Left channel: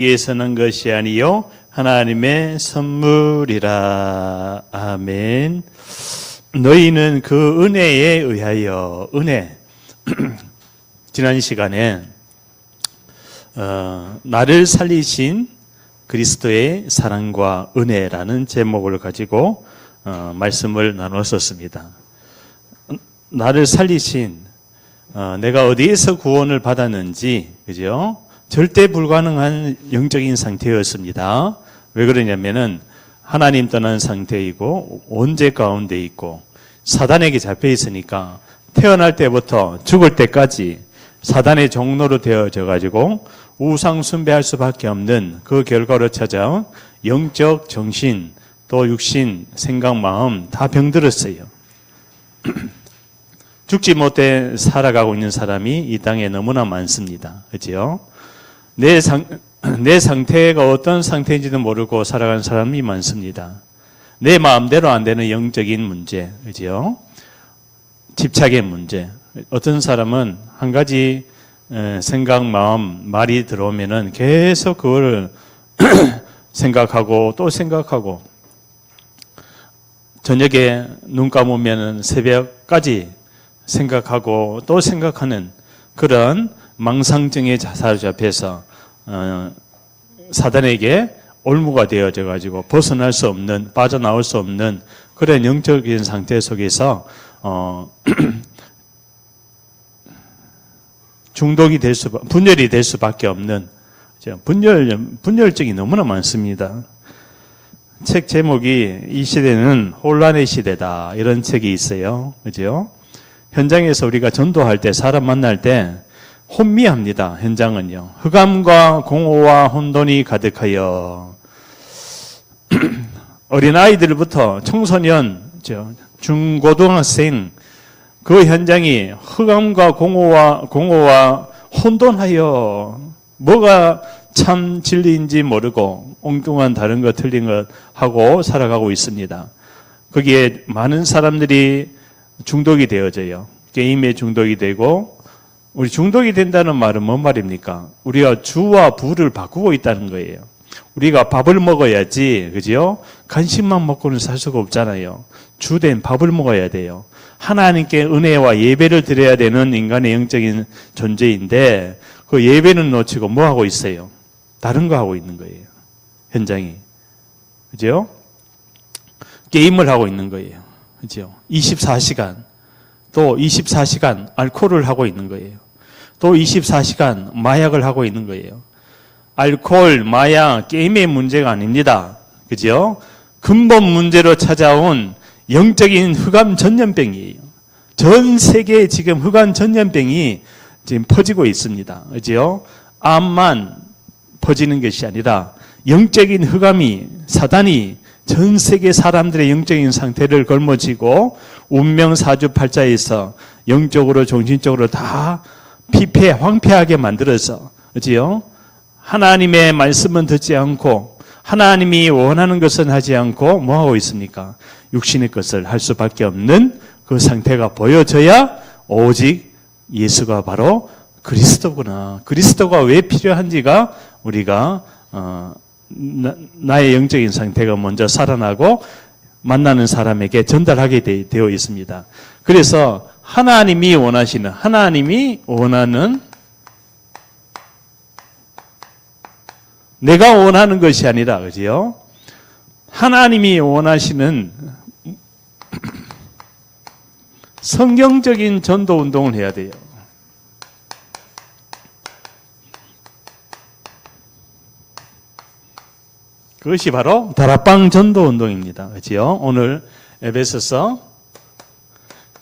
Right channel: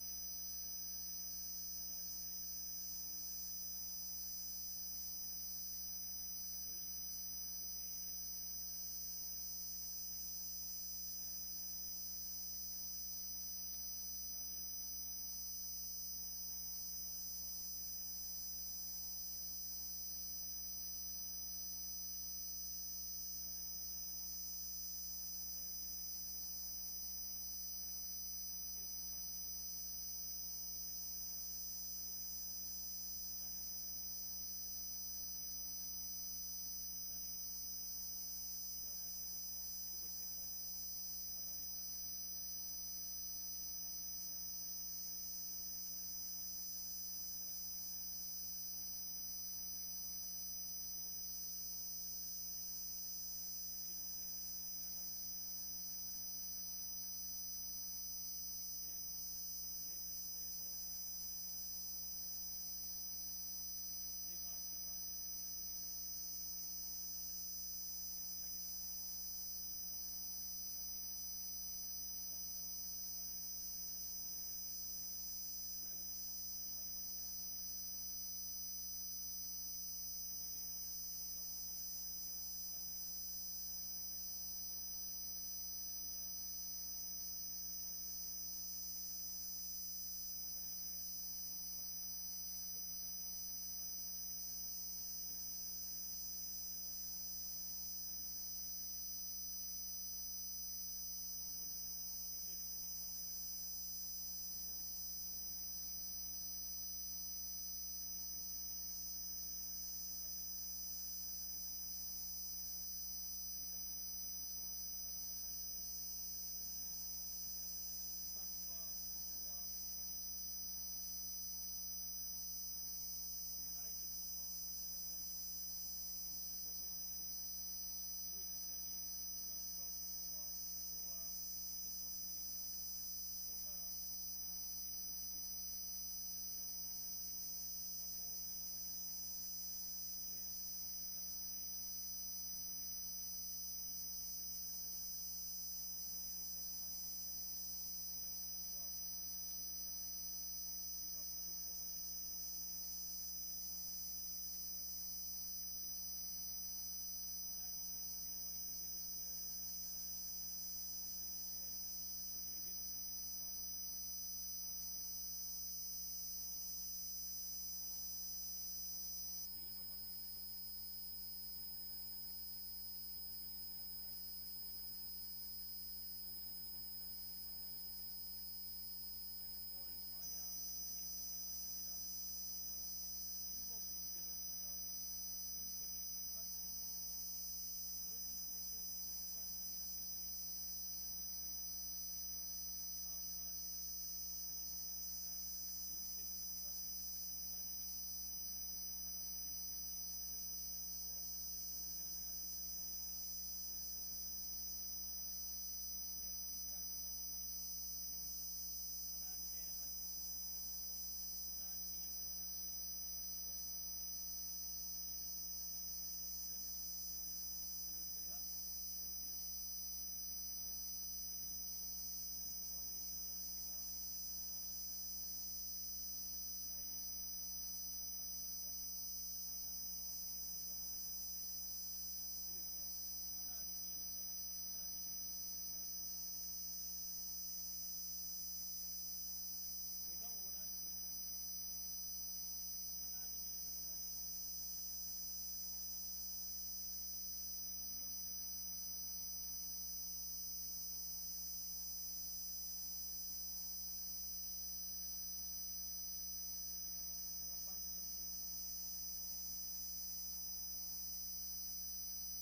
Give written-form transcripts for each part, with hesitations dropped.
위해서는 것이 아니요 하나님의 선물이라. 아멘. 너희는 그 은혜에 의하여, 은혜. 지난 시간에 나를 살리신 그리스도의 사랑과 은혜라는 제목을 가지고 말씀을 나눴었습니다. 나를 살리신, 내가 어디에서 구원을 받았는지, 그죠? 절대 불가능한 영적인 상태였습니다. 왜 그러냐면은 하나님 떠난 상태이고 원죄 가운데 있고 사단에게 잡혀 있으니까 태어날 때부터 죽을 때까지 사단의 종로로 되어져 가지고 우상 숭배할 수밖에 없는 그 결과로 찾아온 영적, 정신, 또 육신, 생각, 마음 다 병들었어요. 죽지 못해 살아가고 있는 사람이 이 땅에 너무나 많습니다. 그렇죠? 내 상태가 어떤 상태인지도 모르고 살아가는 사람이 많습니다. 내 마음대로 안 되는 영적인 문제, 그렇죠? 집착의 문제. 어떤 사람은 한 가지 생각, 마음, 말이 들어오면은 계속 그걸 생각하고 또 생각하고 저녁에 눈 감으면은 새벽까지 생각하고 또 생각하는 그런 망상증에 사로잡혀서 사단에게 올무가 되어져 가지고 벗어날 수 없는, 빠져나올 수 없는 그런 영적인 상태 속에서 중독이 될 분열이 될 수밖에 없는 분열증이 너무나 많습니다. 책 제목이 이 시대는 혼란의 시대다, 이런 책이 있어요. 그죠? 현장에서 우리가 전도할 때, 사람 만날 때 혼미합니다. 현장은요. 흑암과 공허와 혼돈이 가득하여 어린아이들부터 청소년, 중고등학생, 그 현장이 흑암과 공허와 혼돈하여 뭐가 참 진리인지 모르고 엉뚱한 다른 것 틀린 것 하고 살아가고 있습니다. 거기에 많은 사람들이 중독이 되어져요. 게임에 중독이 되고, 우리 중독이 된다는 말은 뭔 말입니까? 우리가 주와 부를 바꾸고 있다는 거예요. 우리가 밥을 먹어야지, 그죠? 간식만 먹고는 살 수가 없잖아요. 주된 밥을 먹어야 돼요. 하나님께 은혜와 예배를 드려야 되는 인간의 영적인 존재인데 그 예배는 놓치고 뭐 하고 있어요? 다른 거 하고 있는 거예요. 현장이. 그죠? 게임을 하고 있는 거예요. 그죠? 24시간. 또 24시간 알코올을 하고 있는 거예요. 또 24시간 마약을 하고 있는 거예요. 알코올, 마약, 게임의 문제가 아닙니다. 그죠? 근본 문제로 찾아온 영적인 흑암 전염병이에요. 전 세계에 지금 흑암 전염병이 지금 퍼지고 있습니다. 그죠? 암만 퍼지는 것이 아니라 영적인 흑암이, 사단이 전 세계 사람들의 영적인 상태를 걸머쥐고 운명 사주팔자에서 영적으로 정신적으로 다 황폐하게 만들어서, 그지요? 하나님의 말씀은 듣지 않고 하나님이 원하는 것은 하지 않고 뭐 하고 있습니까? 육신의 것을 할 수밖에 없는 그 상태가 보여져야 오직 예수가 바로 그리스도구나. 그리스도가 왜 필요한지가 우리가 나의 영적인 상태가 먼저 살아나고 만나는 사람에게 전달하게 되어 있습니다. 그래서 하나님이 원하는 내가 원하는 것이 아니라, 그지요? 하나님이 원하시는 성경적인 전도 운동을 해야 돼요. 그것이 바로 다락방 전도 운동입니다. 그렇지요? 오늘 에베소서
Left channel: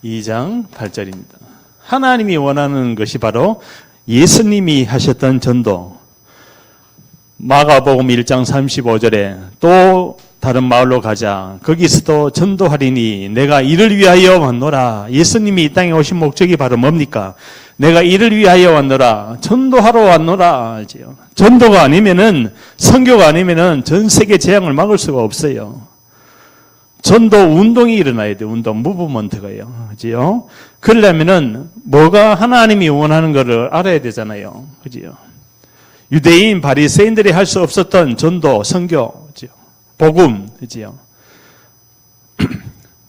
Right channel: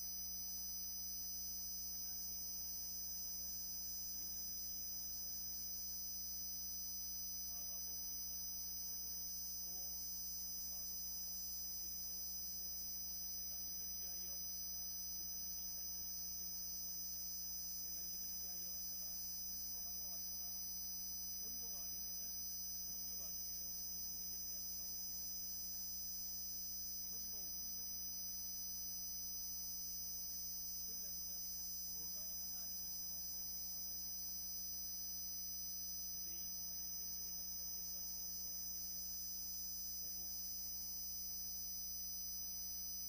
2장 8절입니다. 하나님이 원하는 것이 바로 예수님이 하셨던 전도. 마가복음 1장 35절에 또 다른 마을로 가자. 거기서도 전도하리니 내가 이를 위하여 왔노라. 예수님이 이 땅에 오신 목적이 바로 뭡니까? 내가 이를 위하여 왔노라. 전도하러 왔노라. 전도가 아니면은, 선교가 아니면은 전 세계 재앙을 막을 수가 없어요. 전도 운동이 일어나야 돼요. 운동, 무브먼트가요. 그죠? 그러려면은 뭐가 하나님이 원하는 것을 알아야 되잖아요. 그죠? 유대인 바리새인들이 할 수 없었던 전도, 선교, 복음이지요.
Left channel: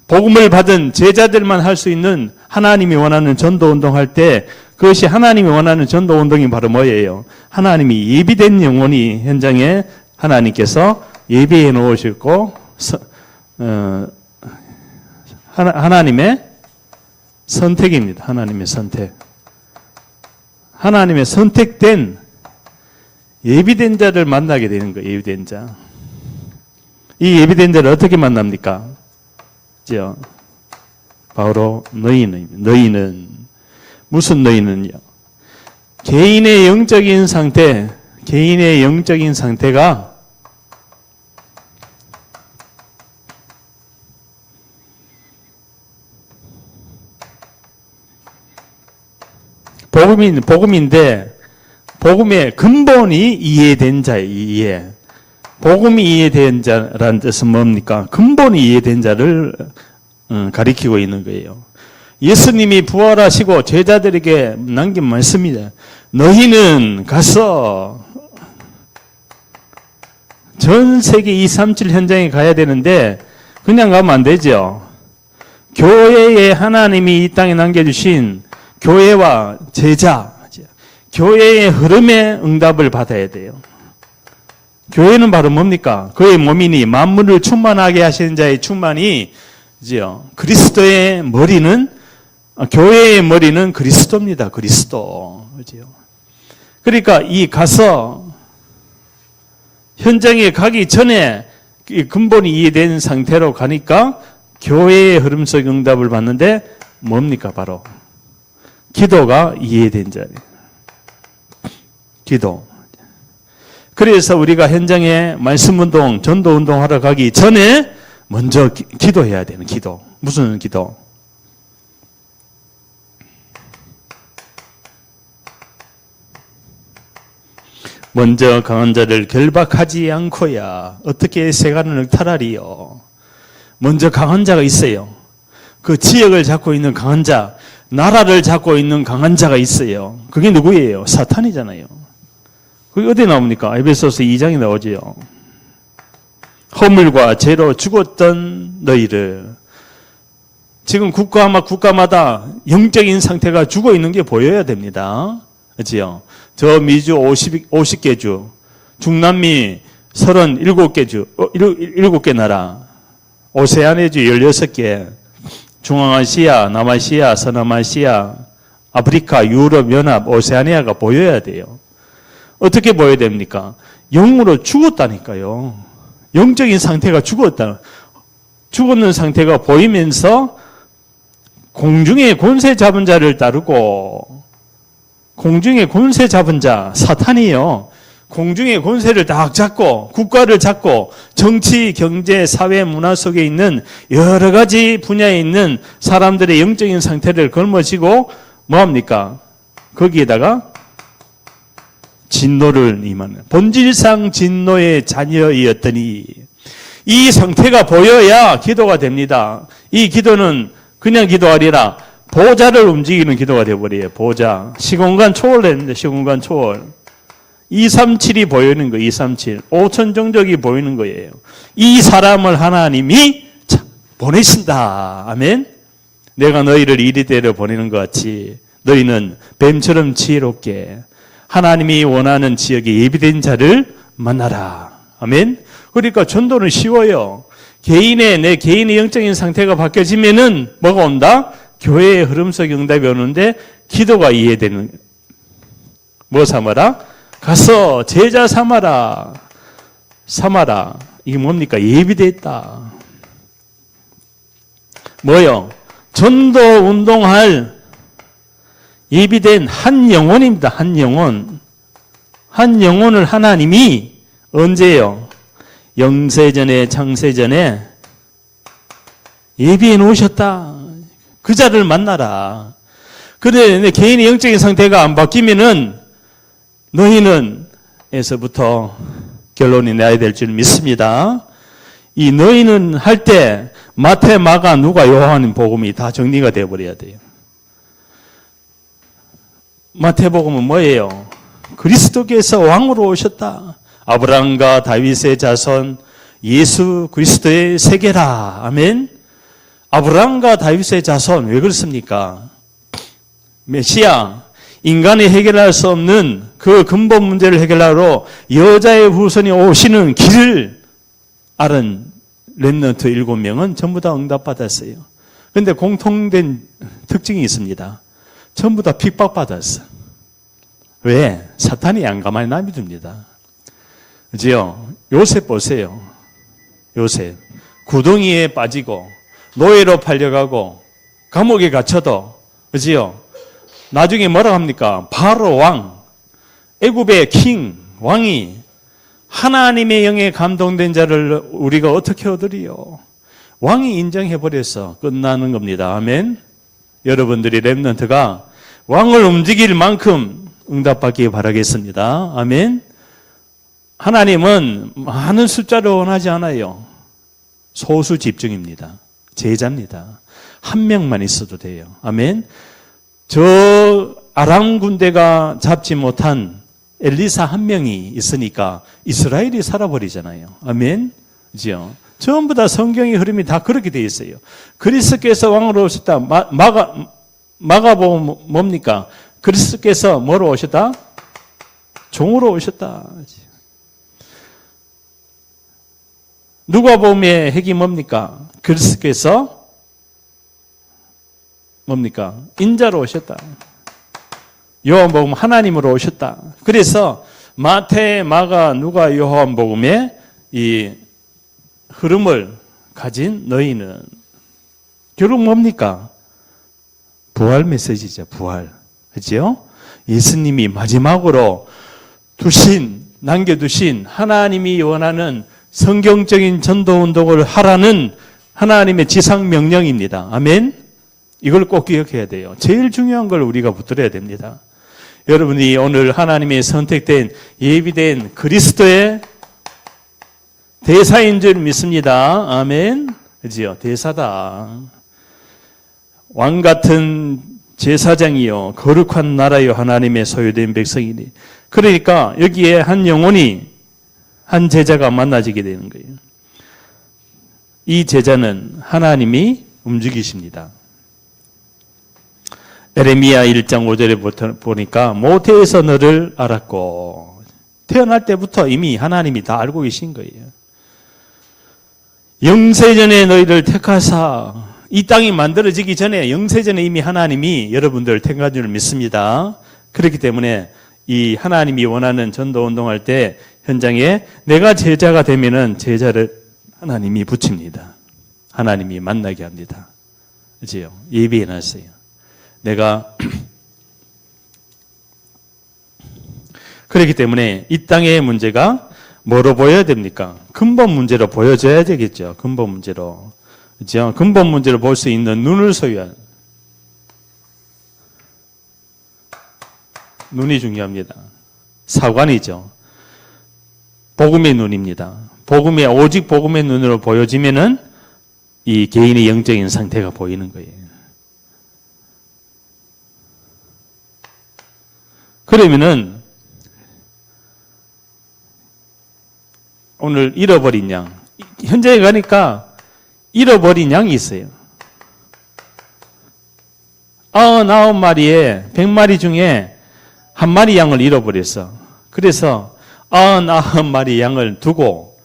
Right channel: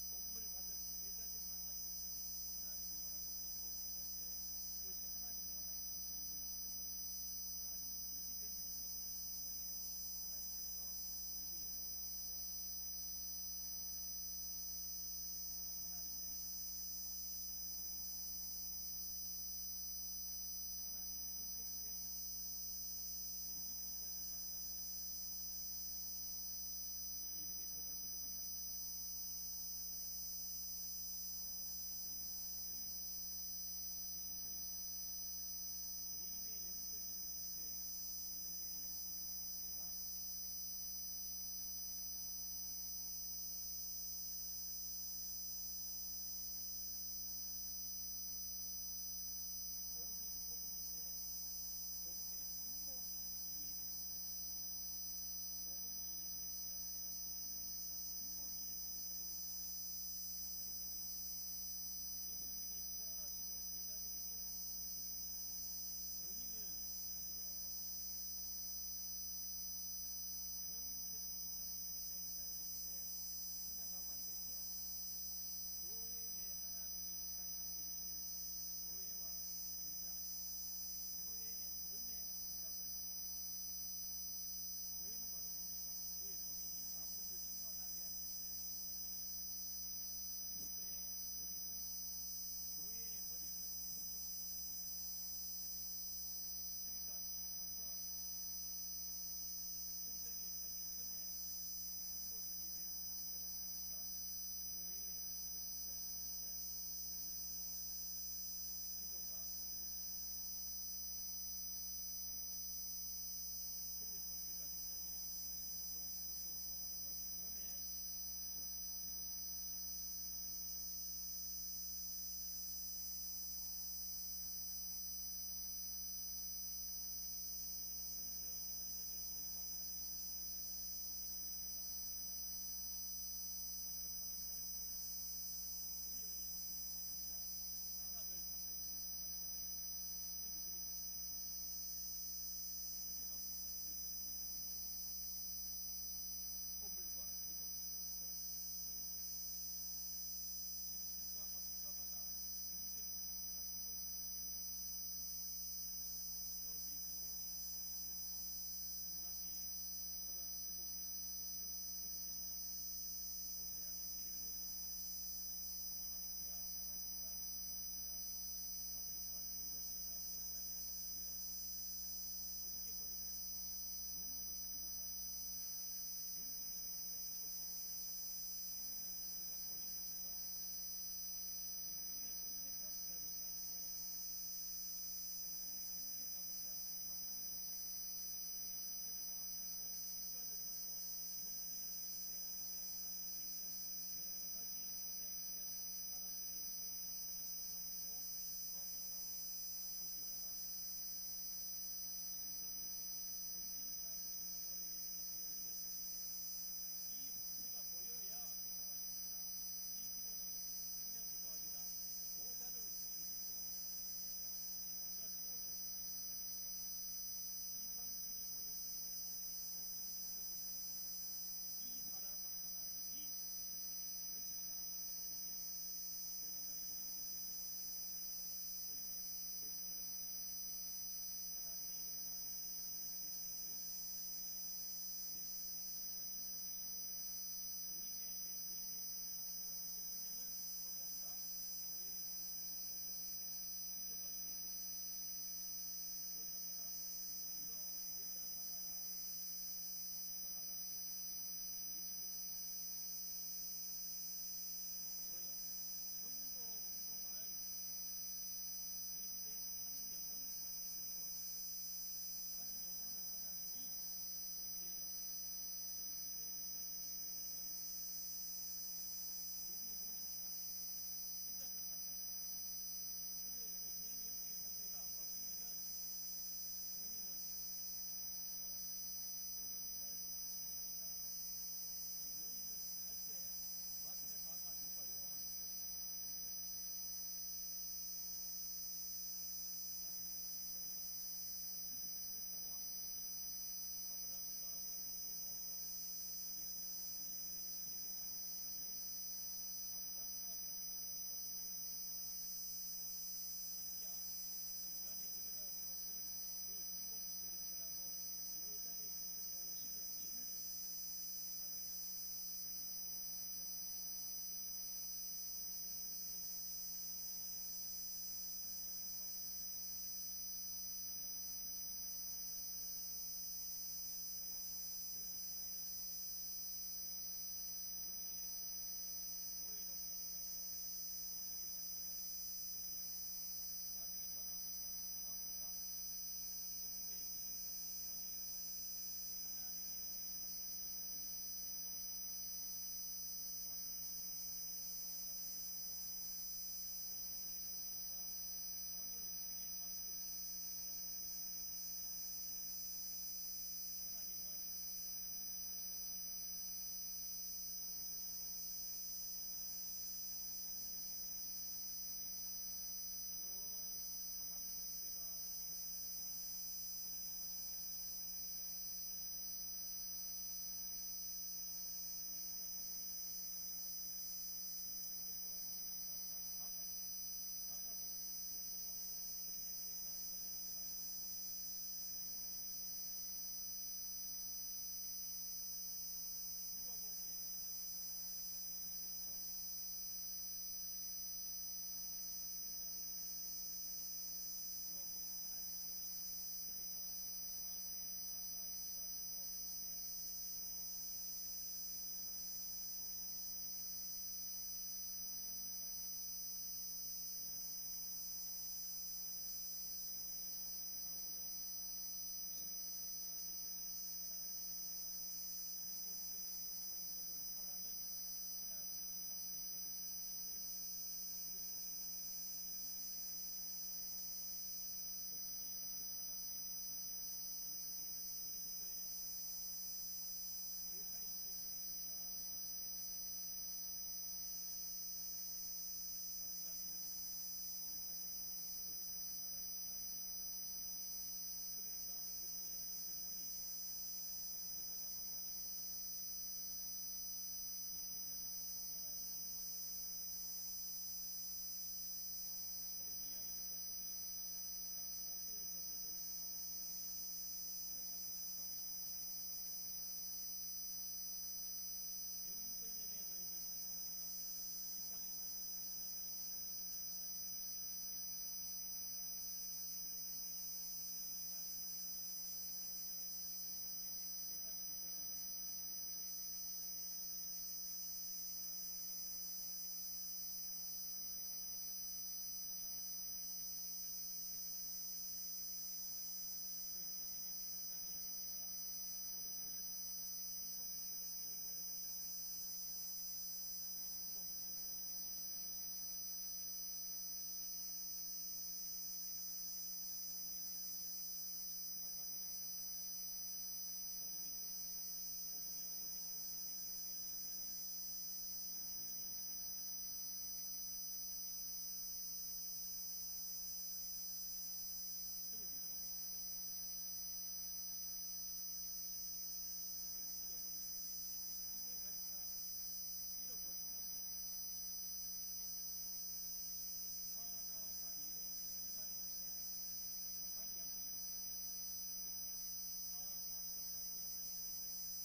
복음을 받은 제자들만 할 수 있는 하나님이 원하는 전도 운동할 때 그것이 하나님이 원하는 전도 운동이 바로 뭐예요? 하나님이 예비된 영혼이 현장에 하나님께서 예비해 놓으셨고 하나님의 선택입니다. 하나님의 선택. 하나님의 선택된 예비된 자를 만나게 되는 거예요. 예비된 자. 이 예비된 자를 어떻게 만납니까? 바로 너희는 무슨 너희는요? 개인의 영적인 상태가 복음인데 복음의 근본이 이해된 자예요. 이해. 복음이 이해된 자라는 뜻은 뭡니까? 근본이 이해된 자를 가리키고 있는 거예요. 예수님이 부활하시고 제자들에게 남긴 말씀입니다. 너희는 가서 전 세계 237 현장에 가야 되는데 그냥 가면 안 되죠. 교회에 하나님이 이 땅에 남겨주신 교회와 제자, 교회의 흐름에 응답을 받아야 돼요. 교회는 바로 뭡니까? 그의 몸이니 만물을 충만하게 하시는 자의 충만이 그리스도의 머리는 교회의 머리는 그리스도입니다. 그리스도. 그러니까 이 가서 현장에 가기 전에 근본이 이해된 상태로 가니까 교회의 흐름 속 응답을 받는데 뭡니까? 바로 기도가 이해된 자예요. 기도. 그래서 우리가 현장에 말씀운동, 전도운동 하러 가기 전에 먼저 기도해야 되는 기도. 무슨 기도? 먼저 강한 자를 결박하지 않고야 어떻게 세간을 늑탈하리요. 먼저 강한 자가 있어요. 그 지역을 잡고 있는 강한 자, 나라를 잡고 있는 강한 자가 있어요. 그게 누구예요? 사탄이잖아요. 그게 어디 나옵니까? 에베소서 2장에 나오지요. 허물과 죄로 죽었던 너희를. 지금 국가마다 영적인 상태가 죽어 있는 게 보여야 됩니다. 그렇지요? 저 미주 50개 주, 중남미 37개 주, 7개 나라, 오세아니아 주 16개, 중앙아시아, 남아시아, 서남아시아, 아프리카, 유럽, 연합, 오세아니아가 보여야 돼요. 어떻게 보여야 됩니까? 영으로 죽었다니까요. 영적인 상태가 죽었다. 죽었는 상태가 보이면서 공중의 권세 잡은 자를 따르고, 공중의 권세 잡은 자, 사탄이요. 공중의 권세를 딱 잡고, 국가를 잡고, 정치, 경제, 사회, 문화 속에 있는 여러 가지 분야에 있는 사람들의 영적인 상태를 걸머쥐고, 뭐합니까? 거기에다가 진노를 임하는, 본질상 진노의 자녀이었더니, 이 상태가 보여야 기도가 됩니다. 이 기도는 그냥 기도 아니라 보좌를 움직이는 기도가 되어버려요. 보좌. 시공간 초월했는데, 시공간 초월. 237이 보이는 거예요. 237. 5천 종족이 보이는 거예요. 이 사람을 하나님이 보내신다. 아멘. 내가 너희를 이리대로 보내는 것 같이 너희는 뱀처럼 지혜롭게 하나님이 원하는 지역에 예비된 자를 만나라. 아멘. 그러니까 전도는 쉬워요. 내 개인의 영적인 상태가 바뀌어지면은 뭐가 온다? 교회의 흐름 속 응답이 오는데 기도가 이해되는. 뭐 삼아라? 가서 제자 삼아라. 이게 뭡니까? 예비됐다. 뭐요? 전도 운동할 예비된 한 영혼입니다. 한 영혼. 한 영혼을 하나님이 언제요? 영세전에 창세전에 예비해 놓으셨다. 그 자를 만나라. 그런데 내 개인의 영적인 상태가 안 바뀌면은 너희는 에서부터 결론이 나야 될 줄 믿습니다. 이 너희는 할 때 마태, 마가, 누가, 요한 복음이 다 정리가 되어버려야 돼요. 마태복음은 뭐예요? 그리스도께서 왕으로 오셨다. 아브라함과 다윗의 자손 예수 그리스도의 세계라. 아멘. 아브라함과 다윗의 자손 왜 그렇습니까? 메시아, 인간이 해결할 수 없는 그 근본 문제를 해결하러 여자의 후손이 오시는 길을 알은 렘넌트 7명은 전부 다 응답받았어요. 그런데 공통된 특징이 있습니다. 전부 다 핍박받았어. 왜? 사탄이 안 가만히 놔둡니다. 그지요? 요셉 보세요. 요셉. 구덩이에 빠지고 노예로 팔려가고 감옥에 갇혀도 그지요? 나중에 뭐라고 합니까? 바로 왕, 애굽의 킹, 왕이 하나님의 영에 감동된 자를 우리가 어떻게 얻으리요? 왕이 인정해버려서 끝나는 겁니다. 아멘. 여러분들이 렘넌트가 왕을 움직일 만큼 응답받기 바라겠습니다. 아멘. 하나님은 많은 숫자를 원하지 않아요. 소수 집중입니다. 제자입니다. 한 명만 있어도 돼요. 아멘. 저 아람 군대가 잡지 못한 엘리사 한 명이 있으니까 이스라엘이 살아버리잖아요. 아멘. 그죠? 전부 다 성경의 흐름이 다 그렇게 되어 있어요. 그리스도께서 왕으로 오셨다. 마가복음 뭡니까? 그리스도께서 뭐로 오셨다? 종으로 오셨다. 누가복음의 핵이 뭡니까? 그리스도께서 뭡니까? 인자로 오셨다. 요한복음 하나님으로 오셨다. 그래서 마태, 마가, 누가, 요한복음의 이 흐름을 가진 너희는 결국 뭡니까? 부활 메시지죠. 부활. 그렇죠? 예수님이 마지막으로 남겨두신 하나님이 원하는 성경적인 전도운동을 하라는 하나님의 지상 명령입니다. 아멘. 이걸 꼭 기억해야 돼요. 제일 중요한 걸 우리가 붙들어야 됩니다. 여러분이 오늘 하나님의 선택된 예비된 그리스도의 대사인 줄 믿습니다. 아멘. 그지요? 대사다. 왕 같은 제사장이요 거룩한 나라요 하나님의 소유된 백성이니. 그러니까 여기에 한 영혼이 한 제자가 만나지게 되는 거예요. 이 제자는 하나님이 움직이십니다. 에레미야 1장 5절에 보니까 모태에서 너를 알았고 태어날 때부터 이미 하나님이 다 알고 계신 거예요. 영세전에 너희를 택하사 이 땅이 만들어지기 전에 영세전에 이미 하나님이 여러분들을 택한 줄 믿습니다. 그렇기 때문에 이 하나님이 원하는 전도운동할 때 현장에 내가 제자가 되면은 제자를 하나님이 붙입니다. 하나님이 만나게 합니다. 그죠? 예비해 놨어요. 내가 그렇기 때문에 이 땅의 문제가 뭐로 보여야 됩니까? 근본 문제로 보여줘야 되겠죠. 근본 문제로. 그죠? 근본 문제를 볼 수 있는 눈을 소유한 눈이 중요합니다. 사관이죠. 복음의 눈입니다. 오직 복음의 눈으로 보여지면은 이 개인의 영적인 상태가 보이는 거예요. 그러면은 오늘 잃어버린 양, 현장에 가니까 잃어버린 양이 있어요. 99마리에 100마리 중에 한 마리 양을 잃어버렸어. 그래서 99마리 양을 두고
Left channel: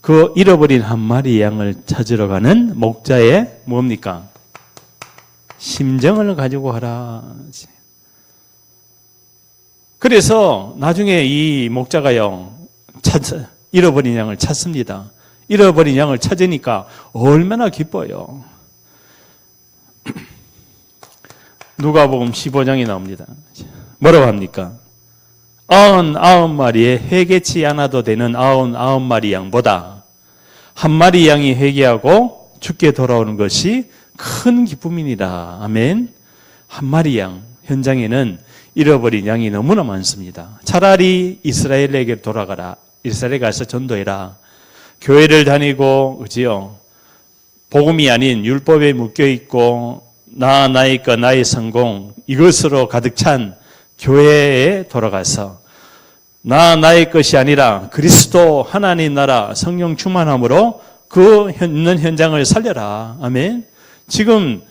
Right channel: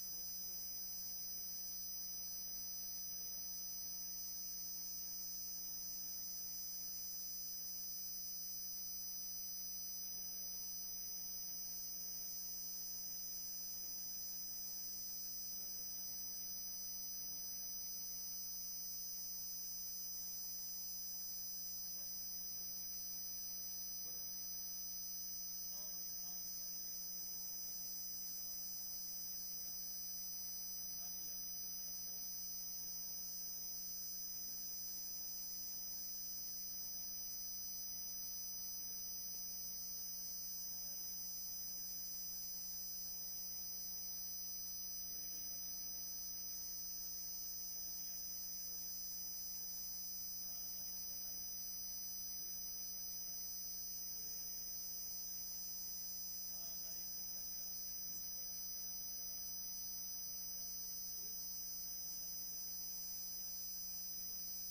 그 잃어버린 한 마리 양을 찾으러 가는 목자의 뭡니까? 심정을 가지고 하라. 그래서 나중에 이 목자가요, 잃어버린 양을 찾습니다. 잃어버린 양을 찾으니까 얼마나 기뻐요. 누가복음 15장이 나옵니다. 뭐라고 합니까? 99마리에 회개치 않아도 되는 99마리 양보다 한 마리 양이 회개하고 죽게 돌아오는 것이 큰 기쁨이니라. 아멘. 한 마리 양, 현장에는 잃어버린 양이 너무나 많습니다. 차라리 이스라엘에게 돌아가라. 이스라엘에 가서 전도해라. 교회를 다니고, 그지요? 복음이 아닌 율법에 묶여있고, 나의 것, 나의 성공, 이것으로 가득 찬 교회에 돌아가서 나의 것이 아니라 그리스도 하나님 나라 성령 충만함으로 그 있는 현장을 살려라. 아멘. 지금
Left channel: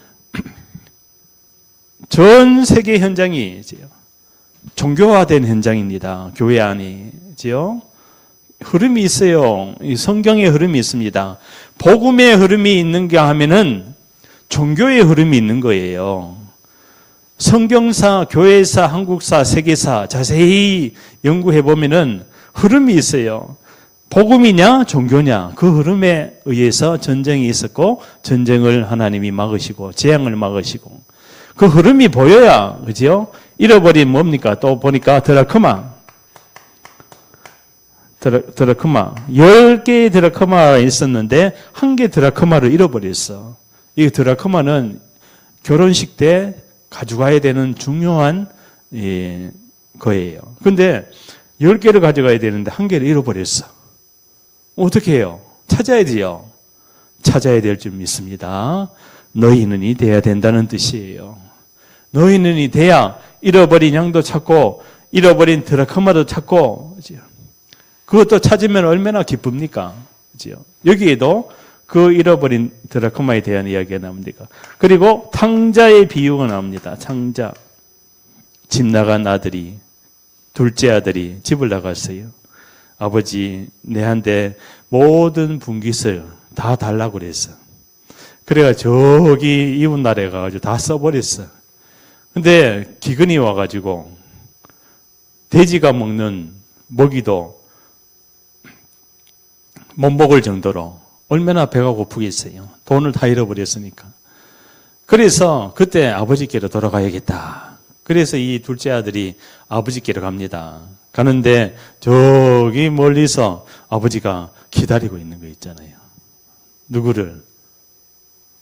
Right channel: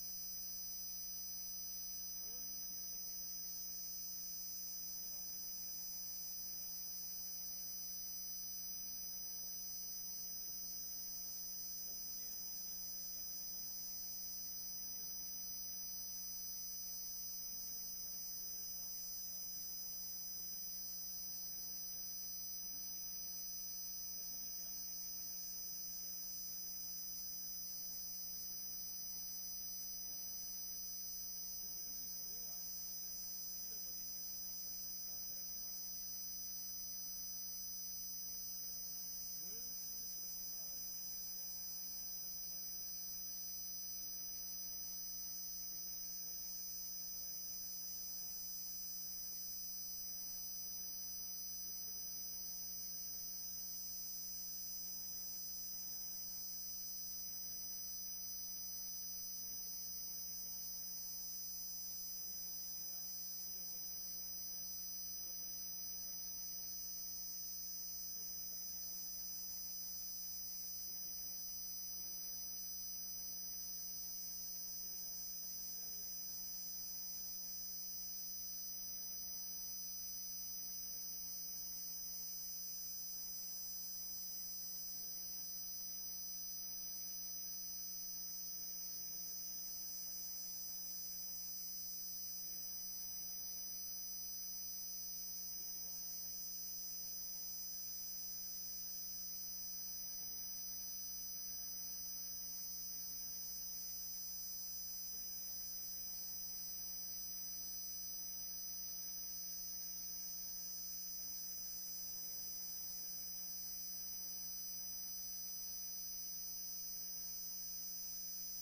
전 세계 현장이 종교화된 현장입니다. 교회 안이지요. 흐름이 있어요. 이 성경의 흐름이 있습니다. 복음의 흐름이 있는가 하면은 종교의 흐름이 있는 거예요. 성경사, 교회사, 한국사, 세계사 자세히 연구해 보면은 흐름이 있어요. 복음이냐 종교냐 그 흐름에 의해서 전쟁이 있었고 전쟁을 하나님이 막으시고 재앙을 막으시고 그 흐름이 보여야 그죠? 잃어버린 뭡니까? 또 보니까 드라크마 10개의 드라크마가 있었는데 1개 드라크마를 잃어버렸어. 이 드라크마는 결혼식 때 가져가야 되는 중요한 거예요. 근데 10개를 가져가야 되는데 1개를 잃어버렸어. 어떻게 해요? 찾아야 돼요. 찾아야 될 줄 믿습니다. 너희는이 돼야 된다는 뜻이에요. 너희는이 돼야 잃어버린 양도 찾고 잃어버린 드라크마도 찾고 그것도 찾으면 얼마나 기쁩니까? 여기에도 그 잃어버린 드라크마에 대한 이야기가 나옵니다. 그리고 탕자의 비유가 나옵니다. 탕자. 집 나간 아들이 둘째 아들이 집을 나갔어요. 아버지 내한테 모든 분깃을 다 달라고 그랬어. 그래가 저기 이웃 나라에 가가지고 다 써버렸어. 근데 기근이 와가지고 돼지가 먹는 먹이도 못 먹을 정도로 얼마나 배가 고프겠어요. 돈을 다 잃어버렸으니까. 그래서 그때 아버지께로 돌아가야겠다. 그래서 이 둘째 아들이 아버지께로 갑니다. 가는데 저기 멀리서 아버지가 기다리고 있는 거 있잖아요. 누구를?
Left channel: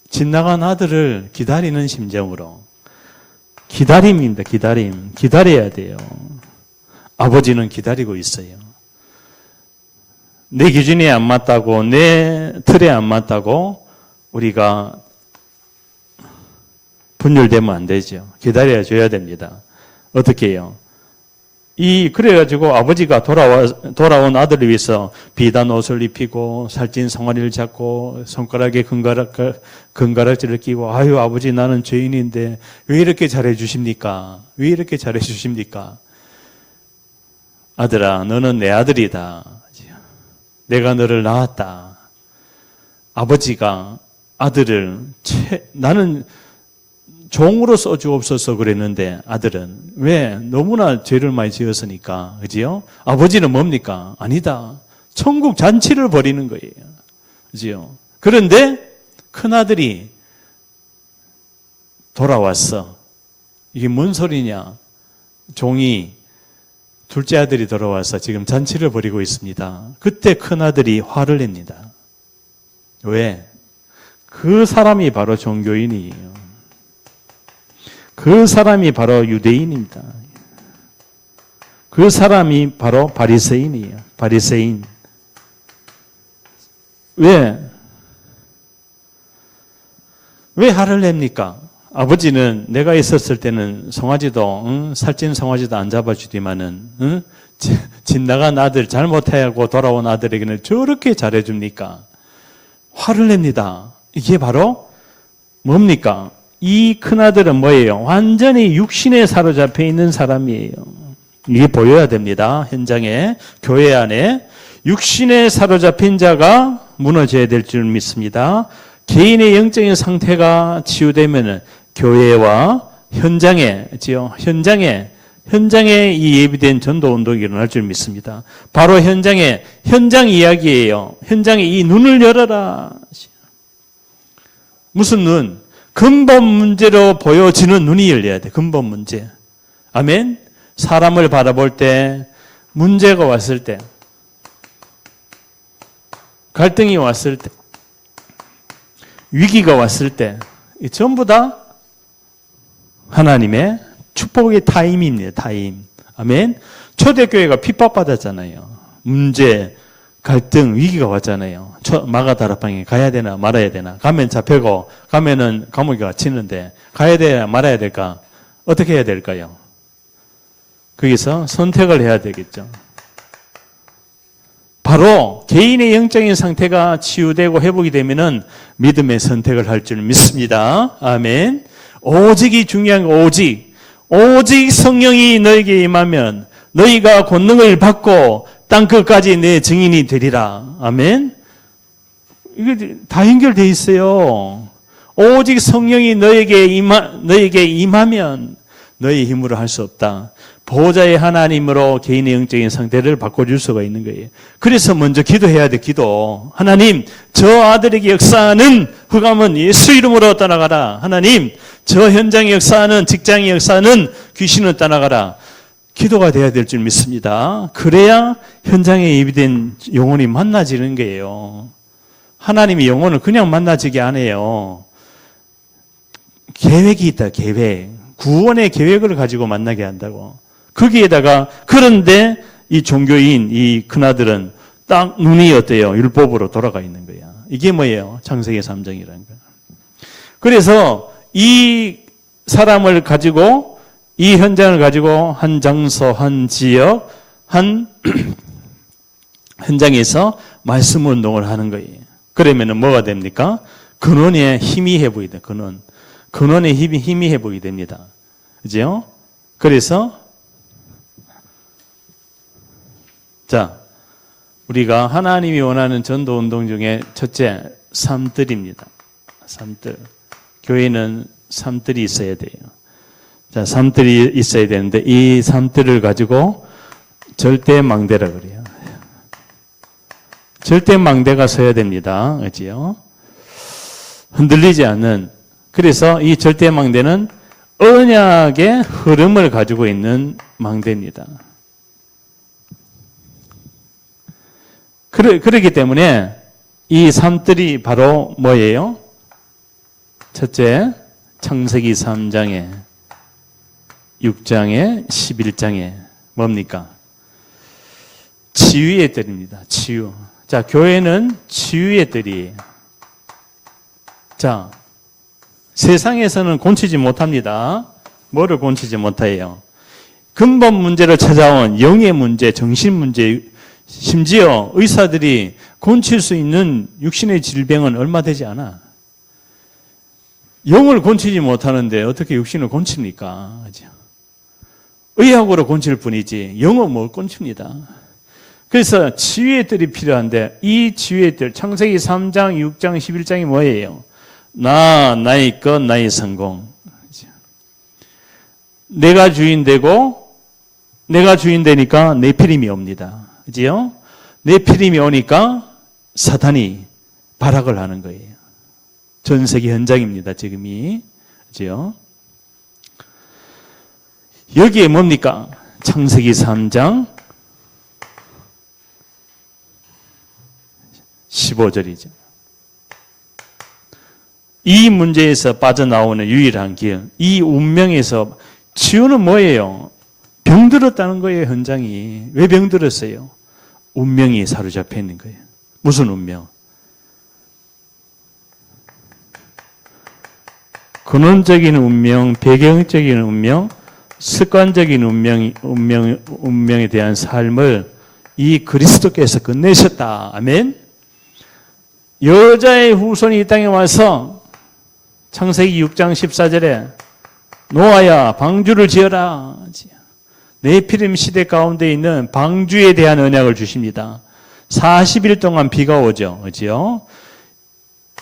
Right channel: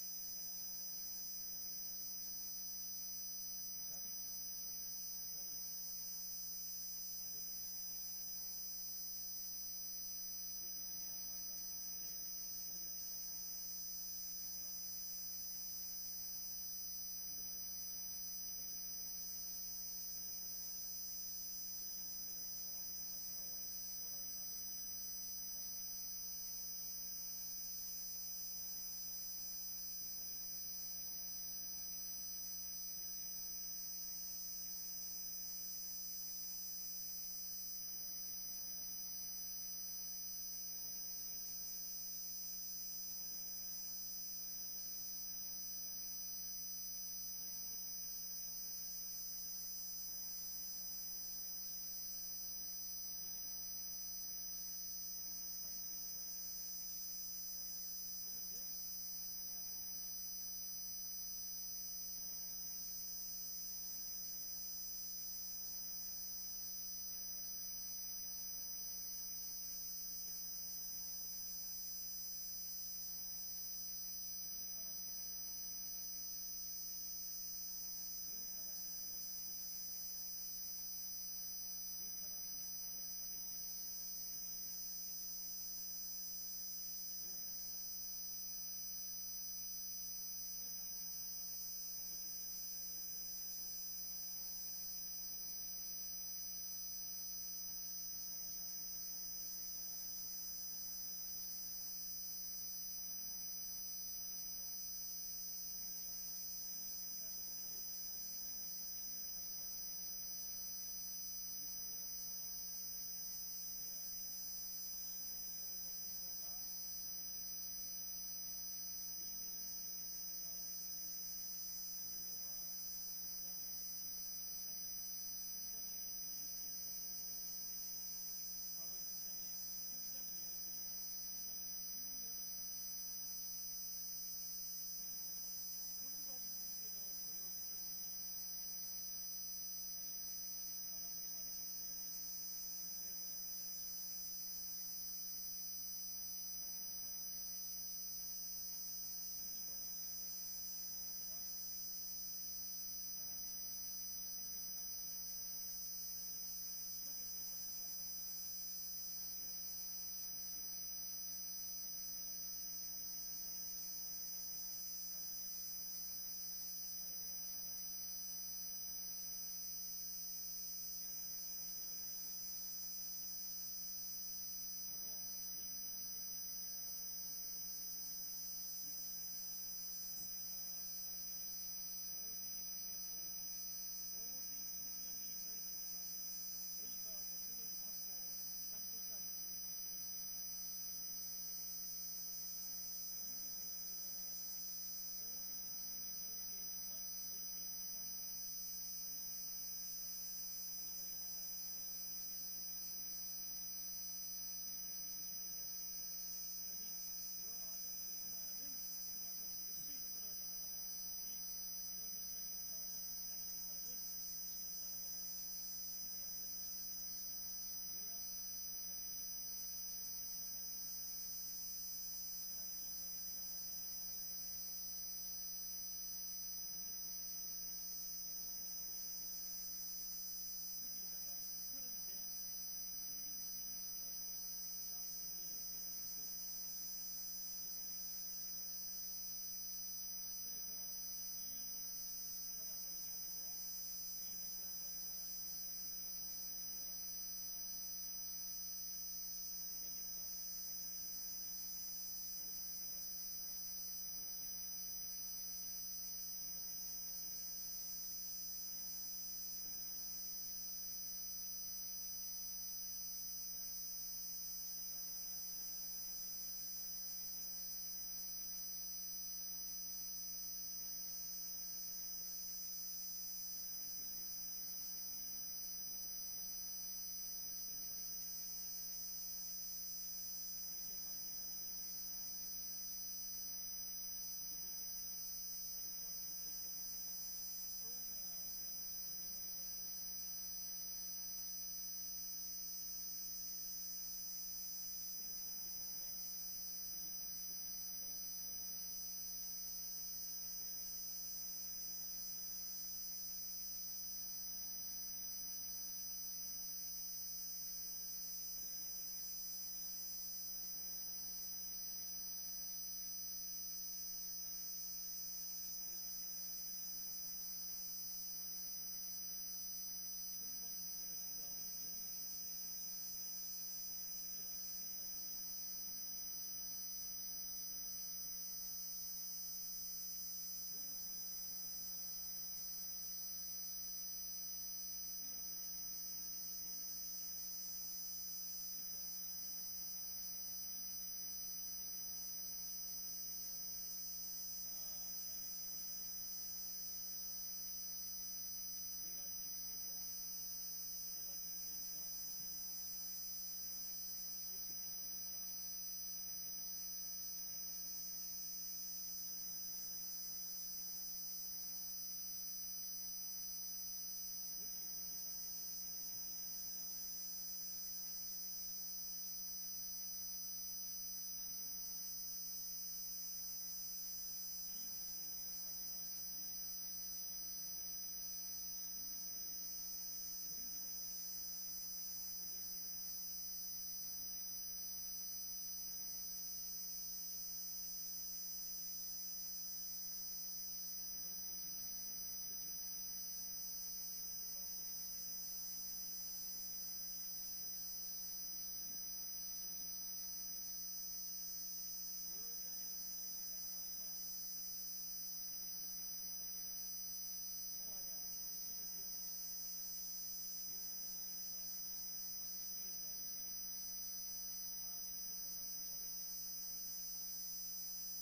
집 나간 아들을 기다리는 심정으로. 기다림입니다. 기다림. 기다려야 돼요. 아버지는 기다리고 있어요. 내 기준에 안 맞다고, 내 틀에 안 맞다고 우리가 분열되면 안 되죠. 기다려 줘야 됩니다. 어떻게 해요? 그래가지고 아버지가 돌아온 아들을 위해서 비단 옷을 입히고 살찐 송아리를 잡고 손가락에 금가락지를 끼고 아유 아버지 나는 죄인인데 왜 이렇게 잘해 주십니까? 왜 이렇게 잘해 주십니까? 아들아 너는 내 아들이다. 내가 너를 낳았다. 아버지가 아들을 나는 종으로 써주옵소서 그랬는데 아들은 왜? 너무나 죄를 많이 지었으니까. 그지요? 아버지는 뭡니까? 아니다. 천국 잔치를 벌이는 거예요. 그지요? 그런데 큰아들이 돌아왔어. 이게 뭔 소리냐? 종이 둘째 아들이 돌아와서 지금 잔치를 벌이고 있습니다. 그때 큰아들이 화를 냅니다. 왜? 그 사람이 바로 종교인이에요. 그 사람이 바로 유대인입니다. 그 사람이 바로 바리새인이에요. 바리새인. 왜 화를 냅니까? 아버지는 내가 있었을 때는 송아지도 살찐 송아지도 안 잡아주지만은 집 나간 아들 잘못하고 돌아온 아들에게는 저렇게 잘해줍니까? 화를 냅니다. 이게 바로 뭡니까? 이 큰아들은 뭐예요? 완전히 육신에 사로잡혀 있는 사람이에요. 이게 보여야 됩니다. 현장에, 교회 안에. 육신에 사로잡힌 자가 무너져야 될 줄 믿습니다. 개인의 영적인 상태가 치유되면 교회와 현장에 이 예비된 전도 운동이 일어날 줄 믿습니다. 바로 현장 이야기예요. 현장에 이 눈을 열어라. 무슨 눈? 근본 문제로 보여지는 눈이 열려야 돼. 근본 문제. 아멘. 사람을 바라볼 때, 문제가 왔을 때, 갈등이 왔을 때, 위기가 왔을 때, 전부 다 하나님의 축복의 타임입니다. 타임. 아멘. 초대교회가 핍박받았잖아요. 문제, 갈등, 위기가 왔잖아요. 마가다락방에 가야 되나 말아야 되나. 가면 잡히고 가면은 감옥에 갇히는데 가야 되나 말아야 될까? 어떻게 해야 될까요? 거기서 선택을 해야 되겠죠. 바로 개인의 영적인 상태가 치유되고 회복이 되면은 믿음의 선택을 할 줄 믿습니다. 아멘. 오직이 중요한 거, 오직 성령이 너에게 임하면 너희가 권능을 받고 땅 끝까지 내 증인이 되리라. 아멘. 이게 다 연결되어 있어요. 오직 성령이 너에게 임하면 너희 힘으로 할 수 없다. 보호자의 하나님으로 개인의 영적인 상태를 바꿔줄 수가 있는 거예요. 그래서 먼저 기도해야 돼, 기도. 하나님, 저 아들에게 역사하는 흑암은 예수 이름으로 떠나가라. 하나님, 저 현장에 역사하는, 직장에 역사하는 귀신은 떠나가라. 기도가 돼야 될 줄 믿습니다. 그래야 현장에 예비된 영혼이 만나지는 거예요. 하나님이 영혼을 그냥 만나지게 안 해요. 계획이 있다, 계획. 구원의 계획을 가지고 만나게 한다고. 거기에다가, 그런데 이 종교인, 이 큰아들은 딱 눈이 어때요? 율법으로 돌아가 있는 거야. 이게 뭐예요? 창세기 3장이라는 거야. 그래서 이 사람을 가지고, 이 현장을 가지고 한 장소, 한 지역, 한 현장에서 말씀 운동을 하는 거예요. 그러면은 뭐가 됩니까? 근원의 힘이 회복이 돼, 근원의 힘이 회복이 됩니다. 그죠? 그래서, 자, 우리가 하나님이 원하는 전도 운동 중에 첫째, 삶들입니다. 삶들. 교회는 삶들이 있어야 돼요. 자, 삶들이 있어야 되는데, 이 삶들을 가지고 절대망대라 그래요. 절대망대가 서야 됩니다. 그지요? 흔들리지 않는. 그래서 이 절대망대는 언약의 흐름을 가지고 있는 망대입니다. 그렇기 때문에 이 삶들이 바로 뭐예요? 첫째, 창세기 3장에 6장에 11장에 뭡니까? 치유의 뜰입니다. 치유. 자, 교회는 치유의 뜰이에요. 자, 세상에서는 고치지 못합니다. 뭐를 고치지 못해요? 근본 문제를 찾아온 영의 문제, 정신 문제, 심지어 의사들이 고칠 수 있는 육신의 질병은 얼마 되지 않아. 영을 고치지 못하는데 어떻게 육신을 고칩니까? 의학으로 고칠 뿐이지 영은 못 고칩니다. 그래서 치유의 뜰이 필요한데 이 치유의 뜰, 창세기 3장, 6장, 11장이 뭐예요? 나의 것, 나의 성공. 내가 주인 되고 내가 주인 되니까 네피림이 옵니다. 그지요? 네피림이 오니까 사탄이 발악을 하는 거예요. 전 세계 현장입니다, 지금이. 그지요? 여기에 뭡니까? 창세기 3장 15절이죠. 이 문제에서 빠져나오는 유일한 길, 이 운명에서 치유는 뭐예요? 병들었다는 거예요, 현장이. 왜 병들었어요? 운명이 사로잡혀 있는 거예요. 무슨 운명? 근원적인 운명, 배경적인 운명, 습관적인 운명에 대한 삶을 이 그리스도께서 끝내셨다. 아멘. 여자의 후손이 이 땅에 와서 창세기 6장 14절에 노아야 방주를 지어라. 네피림 시대 가운데 있는 방주에 대한 언약을 주십니다. 40일 동안 비가 오죠. 그렇죠?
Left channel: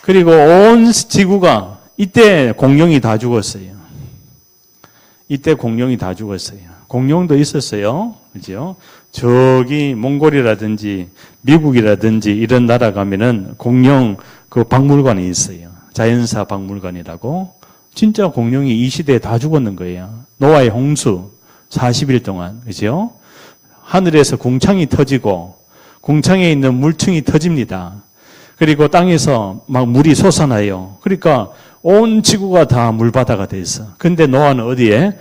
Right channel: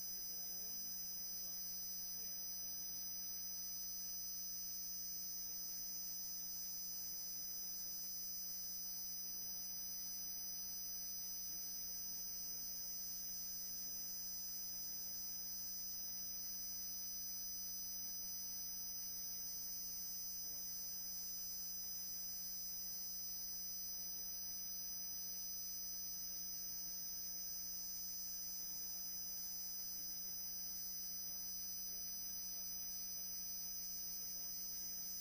그리고 온 지구가 이때 공룡이 다 죽었어요. 이때 공룡이 다 죽었어요. 공룡도 있었어요. 그죠? 저기 몽골이라든지 미국이라든지 이런 나라 가면은 공룡 그 박물관이 있어요. 자연사 박물관이라고. 진짜 공룡이 이 시대에 다 죽었는 거예요. 노아의 홍수 40일 동안. 그죠? 하늘에서 궁창이 터지고 궁창에 있는 물층이 터집니다. 그리고 땅에서 막 물이 솟아나요. 그러니까 온 지구가 다 물바다가 돼 있어. 근데 노아는 어디에?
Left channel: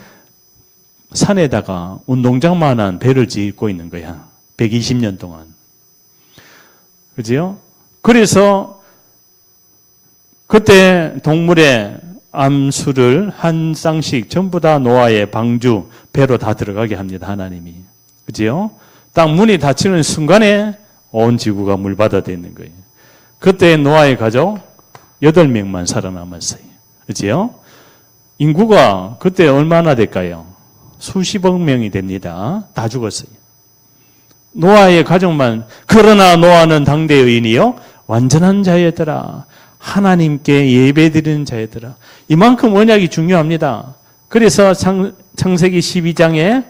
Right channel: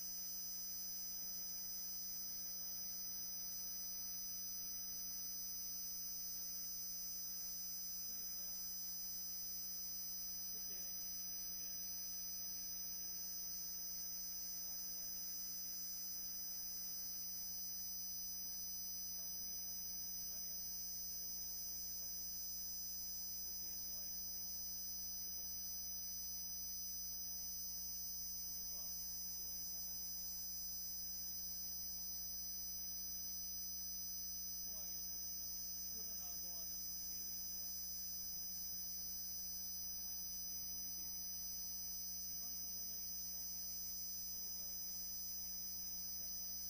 산에다가 운동장만한 배를 짓고 있는 거야. 120년 동안. 그죠? 그래서 그때 동물의 암수를 한 쌍씩 전부 다 노아의 방주, 배로 다 들어가게 합니다. 하나님이. 그죠? 딱 문이 닫히는 순간에 온 지구가 물바다 되는 거예요. 그때 노아의 가족 8명만 살아남았어요. 그렇죠? 인구가 그때 얼마나 될까요? 수십억 명이 됩니다. 다 죽었어요. 노아의 가족만. 그러나 노아는 당대 의인이요 완전한 자였더라. 하나님께 예배드리는 자였더라. 이만큼 언약이 중요합니다. 그래서 창세기 12장에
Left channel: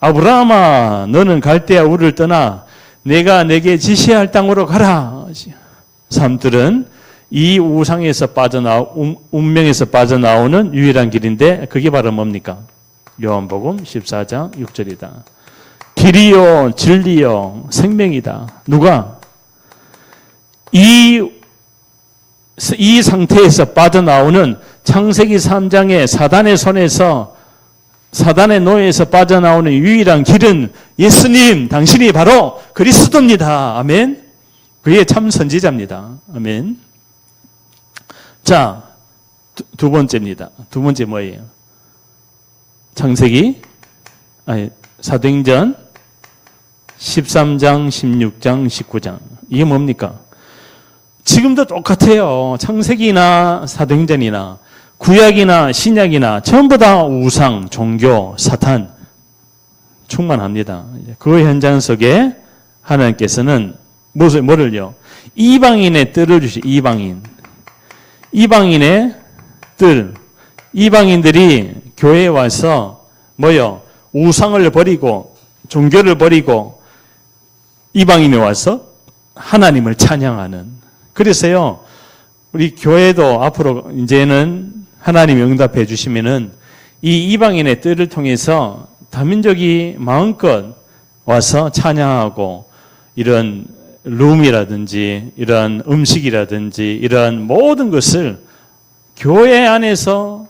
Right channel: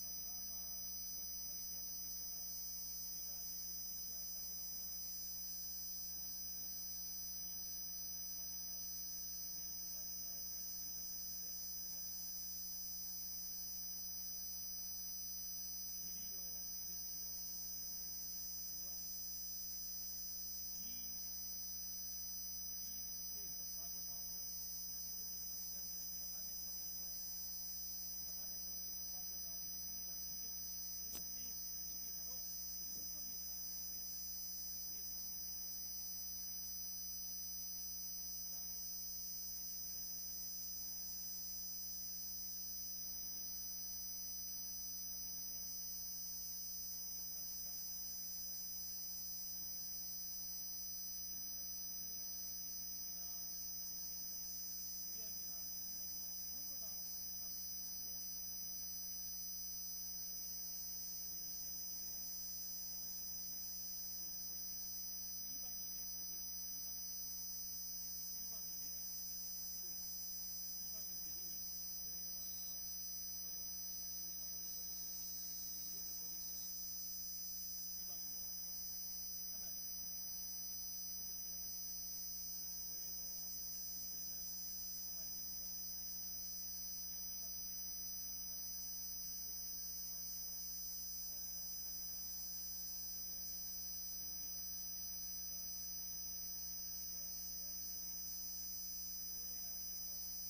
아브라함아 너는 갈대아 우르를 떠나 내가 내게 지시할 땅으로 가라. 사람들은 이 우상에서 운명에서 빠져나오는 유일한 길인데 그게 바로 뭡니까? 요한복음 14장 6절이다. 길이요 진리요 생명이다. 누가? 이 상태에서 빠져나오는 창세기 3장의 사단의 손에서 사단의 노예에서 빠져나오는 유일한 길은 예수님 당신이 바로 그리스도입니다. 아멘. 그게 참 선지자입니다. 아멘. 자, 두 번째입니다. 두 번째 뭐예요? 사도행전 13장, 16장, 19장. 이게 뭡니까? 지금도 똑같아요. 창세기나 사도행전이나 구약이나 신약이나 전부 다 우상, 종교, 사탄 충만합니다. 그 현장 속에 하나님께서는 뭐를요? 이방인의 뜰을 이방인의 뜰. 이방인들이 교회에 와서 우상을 버리고 종교를 버리고 이방인이 와서 하나님을 찬양하는. 그래서요, 우리 교회도 앞으로 이제는 하나님이 응답해 주시면은 이 이방인의 뜰을 통해서 다민족이 마음껏 와서 찬양하고 이런 룸이라든지 이런 음식이라든지 이런 모든 것을 교회 안에서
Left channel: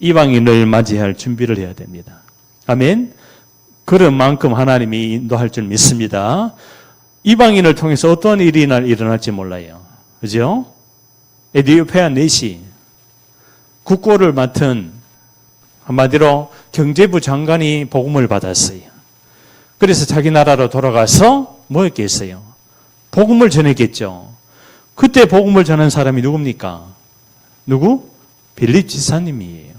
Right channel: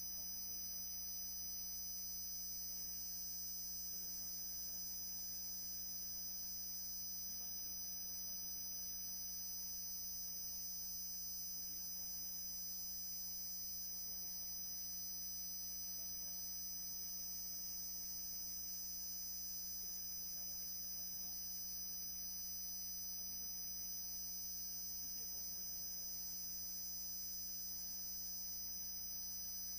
이방인을 맞이할 준비를 해야 됩니다. 아멘. 그런 만큼 하나님이 인도할 줄 믿습니다. 이방인을 통해서 어떤 일이 일어날지 몰라요. 그죠? 에디오피아 내시 국고를 맡은 한마디로 경제부 장관이 복음을 받았어요. 그래서 자기 나라로 돌아가서 뭐 했겠어요? 복음을 전했겠죠. 그때 복음을 전한 사람이 누굽니까? 누구? 빌립 지사님이에요.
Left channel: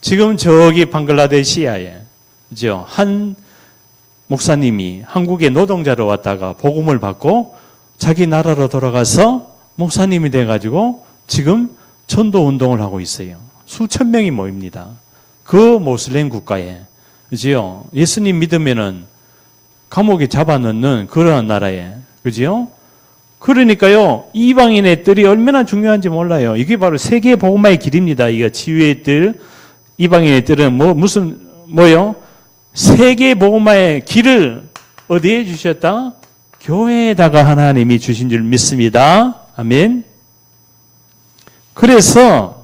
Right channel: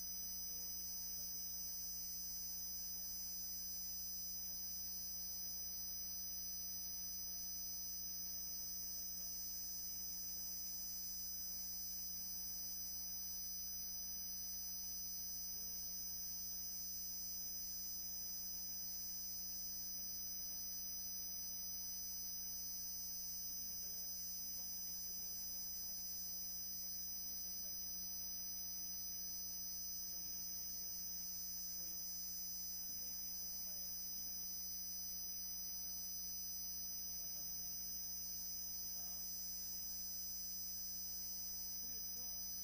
지금 저기 방글라데시아에 그죠? 한 목사님이 한국에 노동자로 왔다가 복음을 받고 자기 나라로 돌아가서 목사님이 돼가지고 지금 전도 운동을 하고 있어요. 수천 명이 모입니다. 그 모슬렘 국가에. 그죠? 예수님 믿으면은 감옥에 잡아넣는 그러한 나라에. 그죠? 그러니까요, 이방인의 뜰이 얼마나 중요한지 몰라요. 이게 바로 세계 복음화의 길입니다. 이거 치유의 뜰, 이방인의 뜰은 뭐요? 세계 복음화의 길을 어디에 주셨다? 교회에다가 하나님이 주신 줄 믿습니다. 아멘. 그래서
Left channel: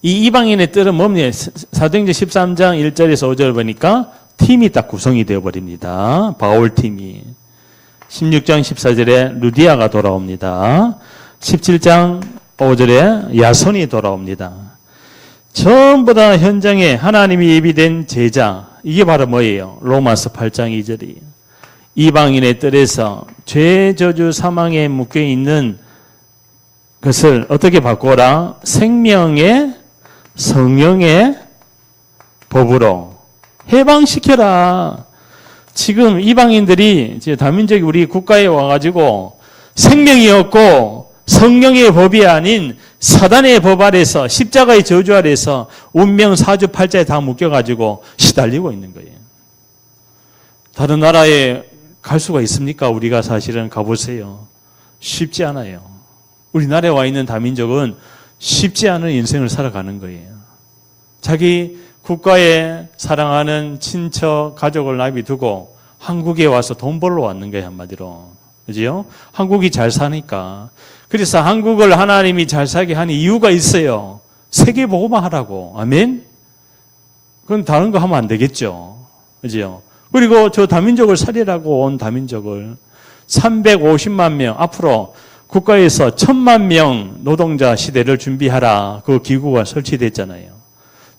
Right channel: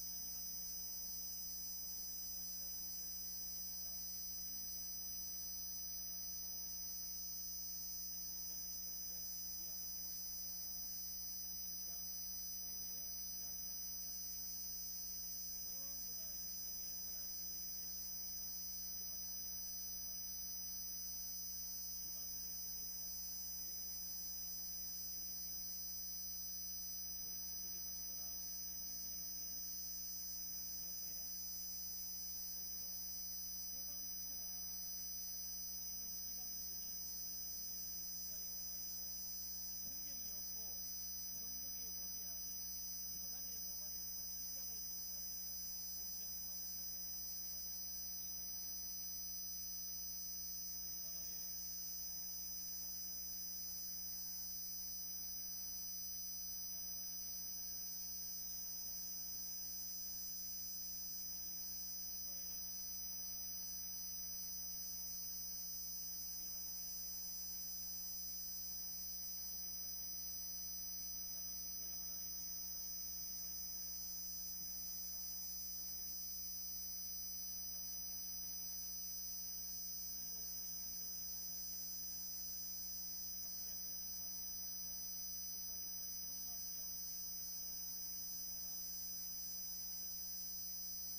이 이방인의 뜰은 뭡니까? 사도행전 13장 1절에서 5절 보니까 팀이 딱 구성이 되어버립니다. 바울 팀이. 16장 14절에 루디아가 돌아옵니다. 17장 5절에 야손이 돌아옵니다. 전부 다 현장에 하나님이 예비된 제자. 이게 바로 뭐예요? 로마서 8장 2절이에요. 이방인의 뜰에서 죄, 저주, 사망에 묶여있는 것을 어떻게 바꿔라? 생명의 성령의 법으로 해방시켜라. 지금 이방인들이 다민족이 우리 국가에 와가지고 생명이 없고 성령의 법이 아닌 사단의 법 아래서 십자가의 저주 아래서 운명 사주팔자에 다 묶여가지고 시달리고 있는 거예요. 다른 나라에 갈 수가 있습니까? 우리가 사실은 가보세요. 쉽지 않아요. 우리나라에 와 있는 다민족은 쉽지 않은 인생을 살아가는 거예요. 자기 국가에 사랑하는 친척, 가족을 놔두고 한국에 와서 돈 벌러 왔는 거예요, 한마디로. 그죠? 한국이 잘 사니까. 그래서 한국을 하나님이 잘 살게 하는 이유가 있어요. 세계 복음화 하라고. 아멘? 그건 다른 거 하면 안 되겠죠. 그죠? 그리고 저 다민족을 살리라고 온 다민족을 350만 명, 앞으로 국가에서 1000만 명 노동자 시대를 준비하라. 그 기구가 설치됐잖아요.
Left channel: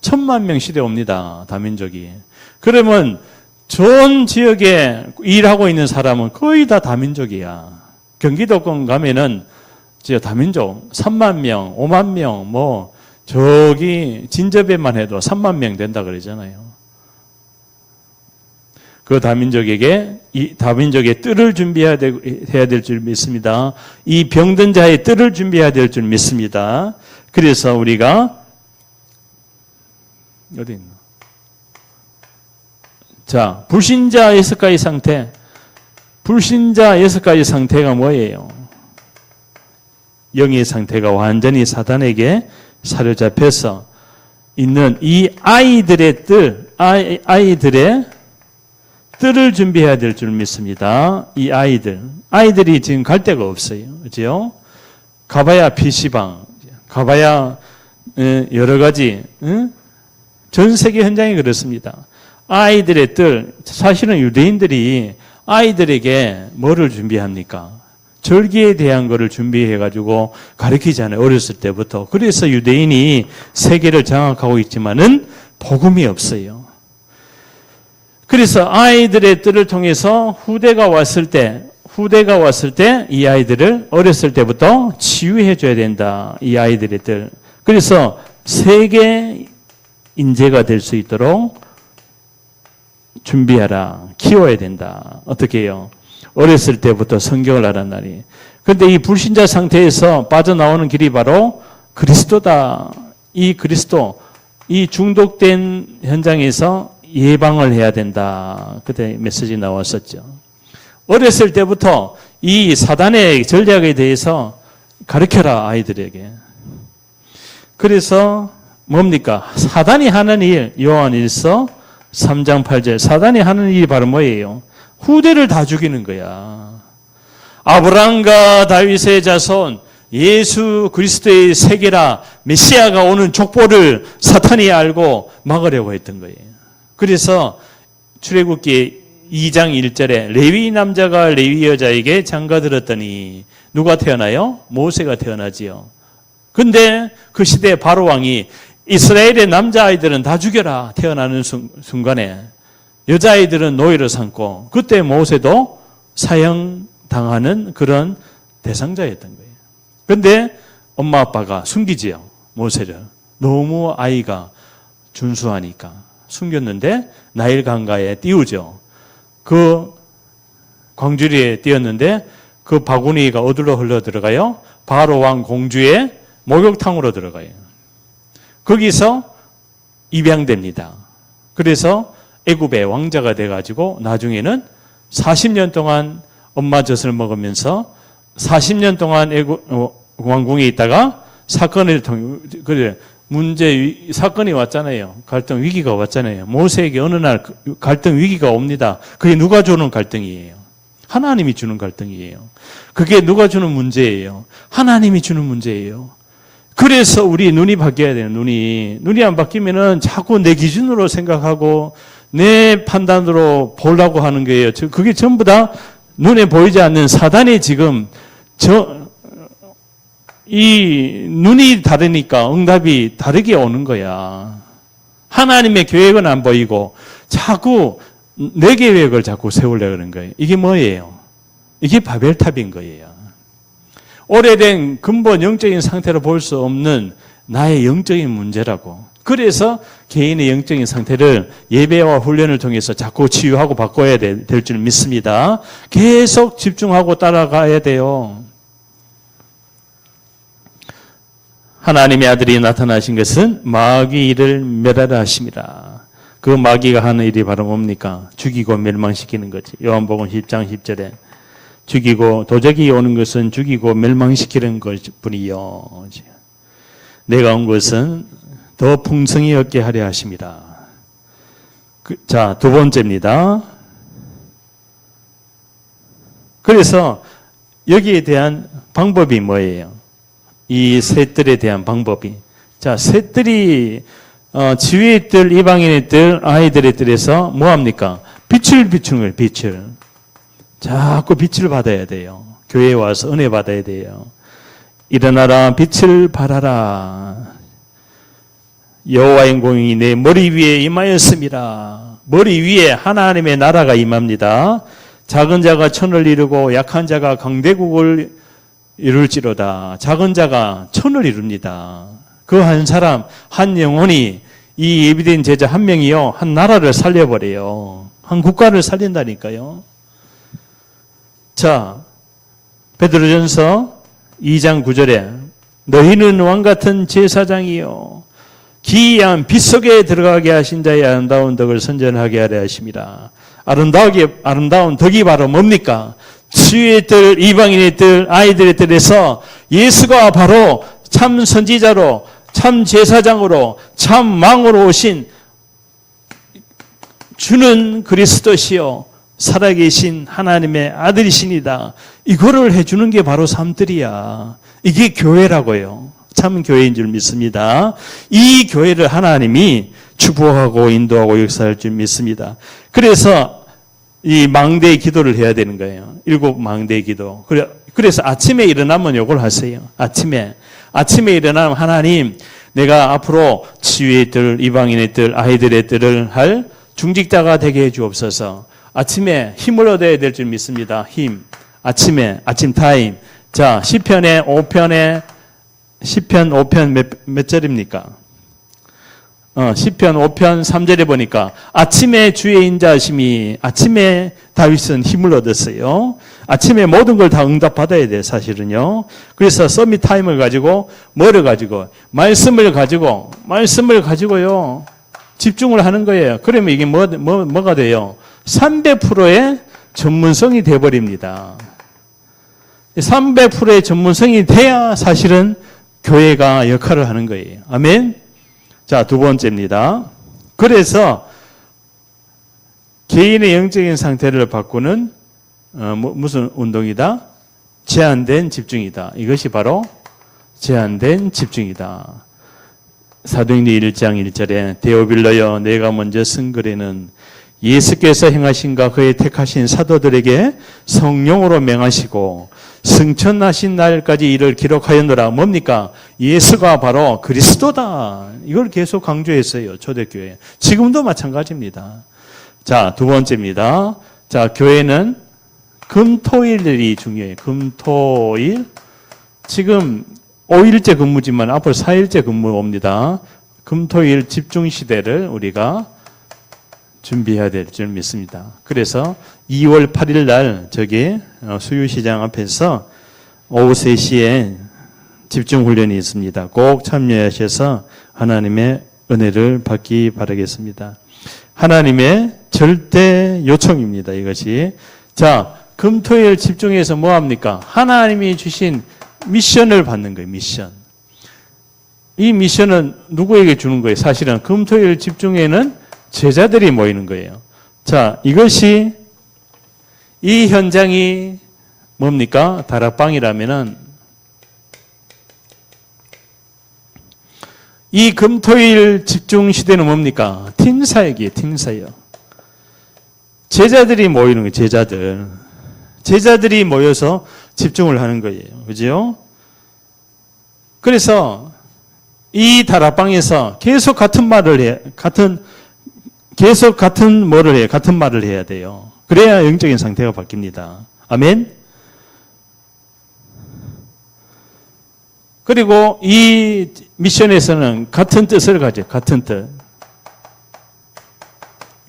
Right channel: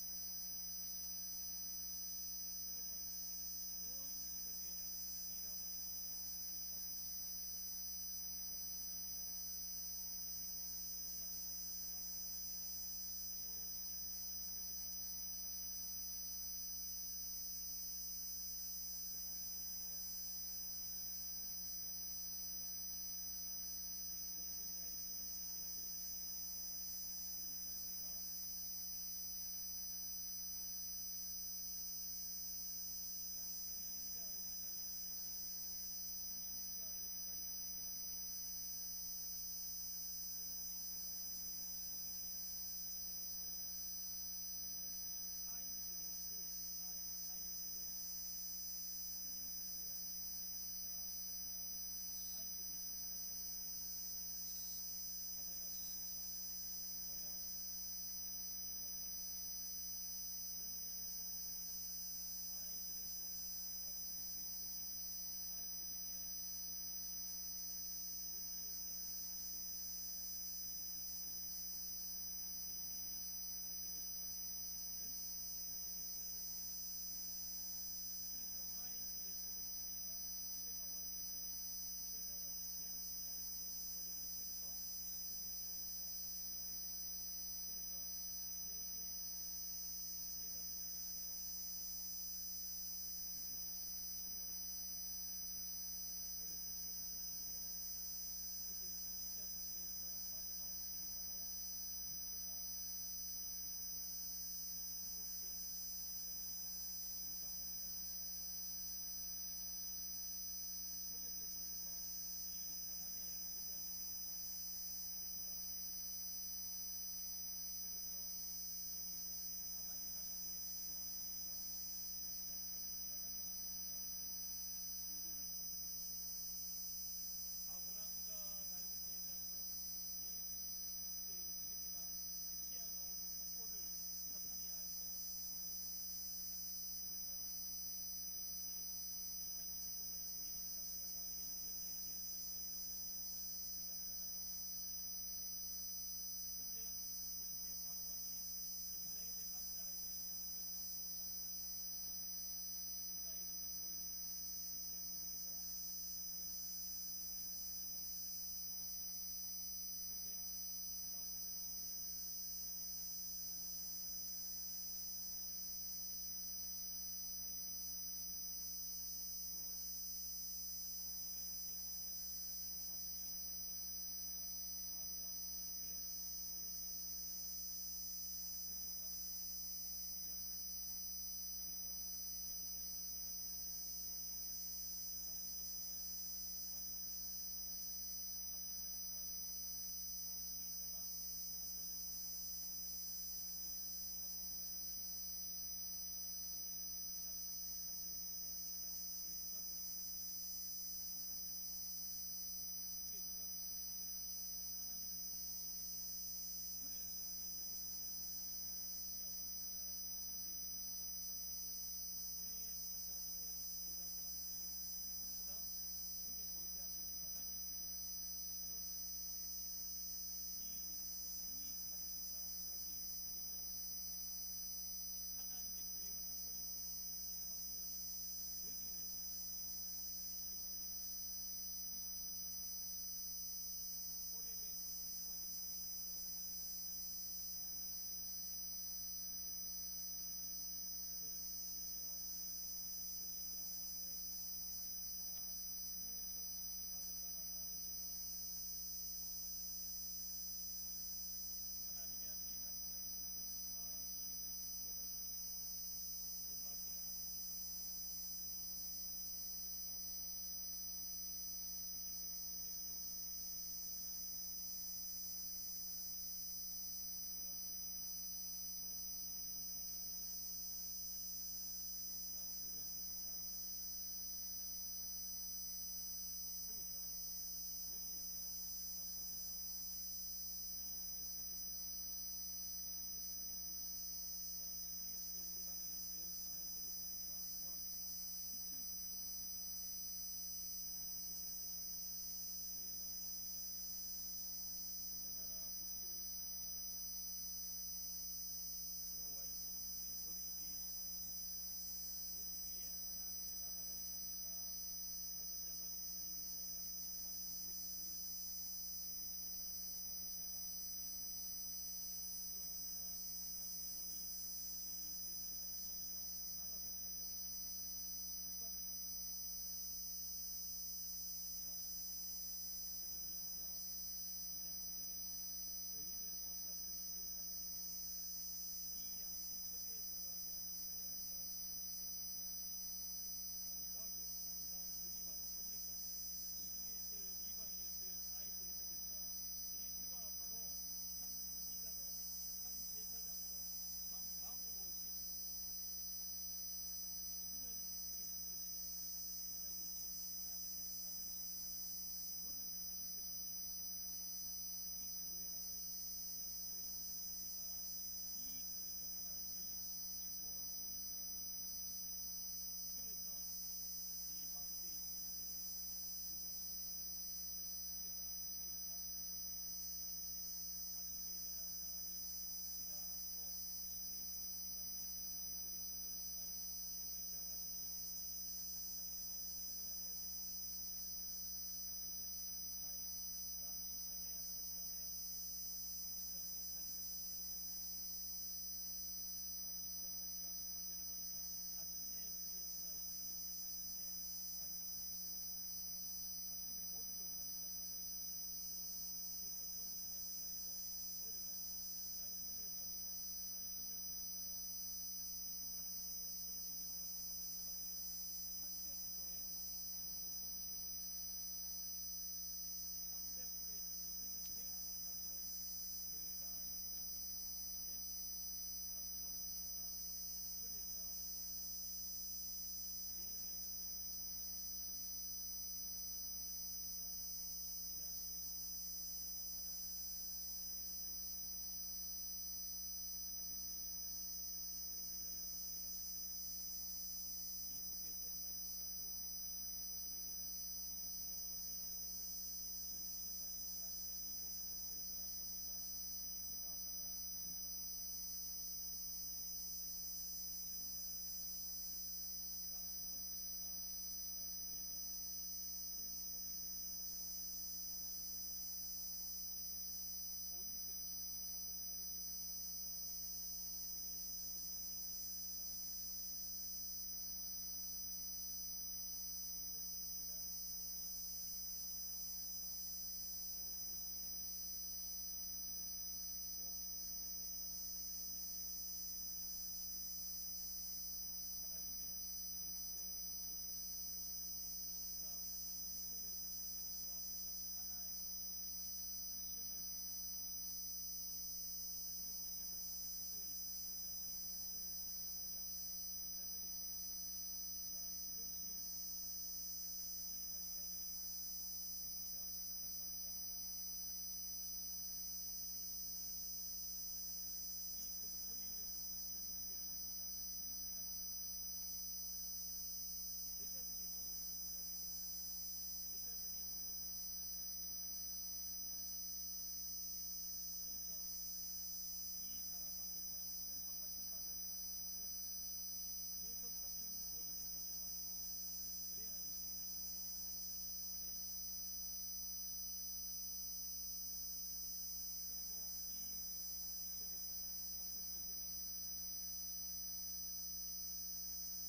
1000만 명 시대 옵니다. 다민족이. 그러면 좋은 지역에 일하고 있는 사람은 거의 다 다민족이야. 경기도권 가면은 다민족 3만 명, 5만 명, 뭐 저기 진접에만 해도 3만 명 된다 그러잖아요. 그 다민족에게 이 다민족의 뜰을 준비해야 될 줄 믿습니다. 이 병든 자의 뜰을 준비해야 될 줄 믿습니다. 그래서 우리가 어디 있나? 자, 불신자 6가지 상태. 불신자 6가지 상태가 뭐예요? 영의 상태가 완전히 사단에게 사로잡혀서 있는 이 아이들의 아이들의 뜰을 준비해야 될 줄 믿습니다. 이 아이들이 지금 갈 데가 없어요. 그죠? 가봐야 PC방, 가봐야 여러 가지, 전 세계 현장이 그렇습니다. 아이들의 뜰, 사실은 유대인들이 아이들에게 뭐를 준비합니까? 절기에 대한 것을 준비해가지고 가르치잖아요. 어렸을 때부터. 그래서 유대인이 세계를 장악하고 있지만은 복음이 없어요. 그래서 아이들의 뜰을 통해서 후대가 왔을 때 이 아이들을 어렸을 때부터 치유해 줘야 된다. 이 아이들의 뜰. 그래서 세계 인재가 될 수 있도록 준비하라. 키워야 된다. 어떻게 해요? 어렸을 때부터 성경을 알았나니. 그런데 이 불신자 상태에서 빠져나오는 길이 바로 그리스도다. 이 그리스도, 이 중독된 현장에서 예방을 해야 된다. 그때 메시지 나왔었죠. 어렸을 때부터 이 사단의 전략에 대해서 가르쳐라, 아이들에게. 그래서 뭡니까? 사단이 하는 일, 요한일서 3장 8절. 사단이 하는 일이 바로 뭐예요? 후대를 다 죽이는 거야. 아브라함과 다윗의 자손, 예수 그리스도의 세계라, 메시아가 오는 족보를 사탄이 알고 막으려고 했던 거예요. 그래서 출애굽기 2장 1절에 레위 남자가 레위 여자에게 장가들었더니 누가 태어나요? 모세가 태어나지요. 근데 그 시대 바로 왕이 이스라엘의 남자아이들은 다 죽여라. 태어나는 순간에 여자아이들은 노예로 삼고, 그때 모세도 사형당하는 그런 대상자였던 거예요. 근데 엄마 아빠가 숨기지요, 모세를. 너무 아이가 준수하니까 숨겼는데 나일 강가에 띄우죠. 그 광주리에 띄었는데 그 바구니가 어디로 흘러 들어가요? 바로 왕 공주의 목욕탕으로 들어가요. 거기서 입양됩니다. 그래서 애굽의 왕자가 돼가지고 나중에는 40년 동안 엄마 젖을 먹으면서 40년 동안 왕궁에 있다가 사건을 통해, 그래, 사건이 왔잖아요. 갈등 위기가 왔잖아요. 모세에게 어느 날 갈등 위기가 옵니다. 그게 누가 주는 갈등이에요? 하나님이 주는 갈등이에요. 그게 누가 주는 문제예요? 하나님이 주는 문제예요. 그래서 우리 눈이 바뀌어야 돼요. 눈이 안 바뀌면은 자꾸 내 기준으로 생각하고 내 판단으로 보려고 하는 거예요. 그게 전부 다 눈에 보이지 않는 사단이 지금 이 눈이 다르니까 응답이 다르게 오는 거야. 하나님의 계획은 안 보이고 자꾸 내 계획을 자꾸 세우려고 하는 거예요. 이게 뭐예요? 이게 바벨탑인 거예요. 오래된 근본 영적인 상태로 볼 수 없는 나의 영적인 문제라고. 그래서 개인의 영적인 상태를 예배와 훈련을 통해서 자꾸 치유하고 바꿔야 될 줄 믿습니다. 계속 집중하고 따라가야 돼요. 하나님의 아들이 나타나신 것은 마귀를 멸하라 하심이라. 그 마귀가 하는 일이 바로 뭡니까? 죽이고 멸망시키는 거지. 요한복음 10장 10절에 죽이고, 도적이 오는 것은 죽이고 멸망시키는 것뿐이요. 내가 온 것은 더 풍성히 얻게 하려 하심이라. 자, 두 번째입니다. 그래서 여기에 대한 방법이 뭐예요? 이 셋들에 대한 방법이. 자, 셋들이 지위의 뜰, 이방인의 뜰, 아이들의 뜰에서 뭐합니까? 빛을 비추는 거예요. 빛을. 자꾸 빛을 받아야 돼요. 교회에 와서 은혜 받아야 돼요. 일어나라, 빛을 발하라. 여호와의 공이 내 머리 위에 임하였습니다. 머리 위에 하나님의 나라가 임합니다. 작은 자가 천을 이루고 약한 자가 강대국을 이룰지로다. 작은 자가 천을 이룹니다. 그 한 사람, 한 영혼이 이 예비된 제자 한 명이요, 한 나라를 살려버려요. 한 국가를 살린다니까요. 자, 베드로전서 2장 9절에 너희는 왕같은 제사장이요 기이한 빛 속에 들어가게 하신 자의 아름다운 덕을 선전하게 하려 하심이라. 아름다운 덕이 바로 뭡니까? 치유의 뜰, 이방인의 뜰, 아이들의 뜰에서 예수가 바로 참 선지자로, 참 제사장으로, 참 왕으로 오신 주는 그리스도시요 살아계신 하나님의 아들이시니다. 이거를 해주는 게 바로 삶들이야. 이게 교회라고요. 참 교회인 줄 믿습니다. 이 교회를 하나님이 축복하고 인도하고 역사할 줄 믿습니다. 그래서 이 망대의 기도를 해야 되는 거예요. 7 망대의 기도. 그래서 아침에 일어나면 이걸 하세요. 아침에 일어나면 하나님, 내가 앞으로 치유의 뜰, 이방인의 뜰, 아이들의 뜰을 할 중직자가 되게 해 주옵소서. 아침에 힘을 얻어야 될 줄 믿습니다. 힘. 아침 타임. 자, 시편 5편 몇 절입니까? 시편 5편 3절에 보니까 아침에 주의 인자하심이, 아침에 다윗은 힘을 얻었어요. 아침에 모든 걸 다 응답받아야 돼요, 사실은요. 그래서 서밋 타임을 가지고, 뭐를 가지고? 말씀을 가지고요. 집중을 하는 거예요. 그러면 이게 뭐가 돼요? 300%의 전문성이 돼버립니다. 300%의 전문성이 돼야 사실은 교회가 역할을 하는 거예요. 아멘? 자, 두 번째입니다. 그래서 개인의 영적인 상태를 바꾸는 무슨 운동이다? 제한된 집중이다. 이것이 바로 제한된 집중이다. 사도행전 1장 1절에 데오빌러여 내가 먼저 쓴 글에는 예수께서 행하신가 그의 택하신 사도들에게 성령으로 명하시고 승천하신 날까지 이를 기록하였노라. 뭡니까? 예수가 바로 그리스도다. 이걸 계속 강조했어요. 초대교회. 지금도 마찬가지입니다. 자, 두 번째입니다. 자, 교회는 금토일이 중요해요. 금토일. 지금 5일째 근무지만 앞으로 4일째 근무 옵니다. 금토일 집중 시대를 우리가 준비해야 될 줄 믿습니다. 그래서 2월 8일 날 저기 수유시장 앞에서 오후 3시에 집중 훈련이 있습니다. 꼭 참여하셔서 하나님의 은혜를 받기 바라겠습니다. 하나님의 절대 요청입니다. 이것이. 자, 금토일 집중해서 뭐 합니까? 하나님이 주신 미션을 받는 거예요. 미션. 이 미션은 누구에게 주는 거예요? 사실은 금토일 집중에는 제자들이 모이는 거예요. 자, 이것이 이 현장이 뭡니까? 다락방이라면은 이 금토일 집중 시대는 뭡니까? 팀사역이에요. 팀사역. 제자들이 모이는 거예요. 제자들이 모여서 집중을 하는 거예요. 그죠? 그래서 이 다락방에서 계속 같은 말을 해. 같은 말을 해야 돼요. 그래야 영적인 상태가 바뀝니다. 아멘? 그리고 이 미션에서는 같은 뜻을 가져요. 같은 뜻.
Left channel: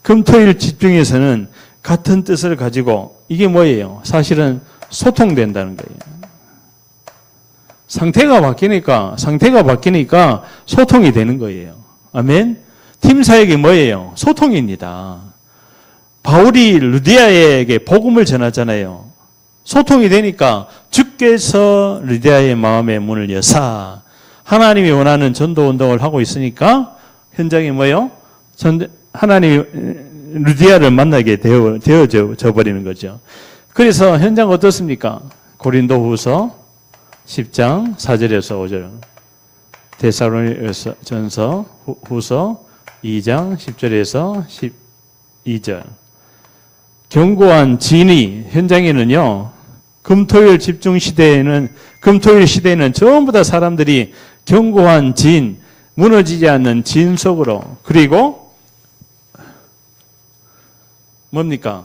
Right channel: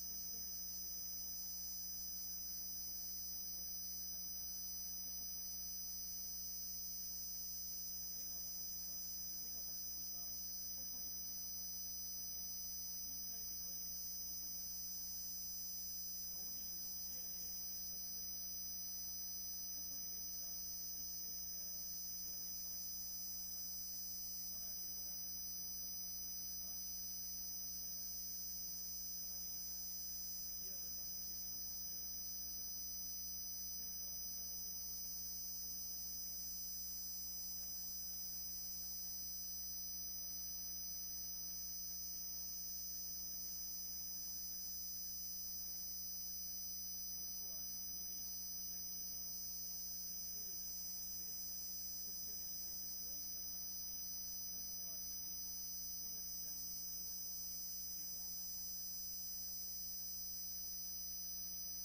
금토일 집중에서는 같은 뜻을 가지고 이게 뭐예요? 사실은 소통된다는 거예요. 상태가 바뀌니까 소통이 되는 거예요. 아멘? 팀 사역이 뭐예요? 소통입니다. 바울이 루디아에게 복음을 전하잖아요. 소통이 되니까 주께서 루디아의 마음의 문을 여사 하나님이 원하는 전도 운동을 하고 있으니까 현장이 뭐예요? 하나님이 루디아를 만나게 되어져 버리는 거죠. 그래서 현장 어떻습니까? 고린도후서 10장 4절에서 5절, 데살로니가전서 후서 2장 10절에서 12절. 견고한 진위 현장에는요. 금토일 시대에는 전부 다 사람들이 견고한 진, 무너지지 않는 진 속으로, 그리고 뭡니까?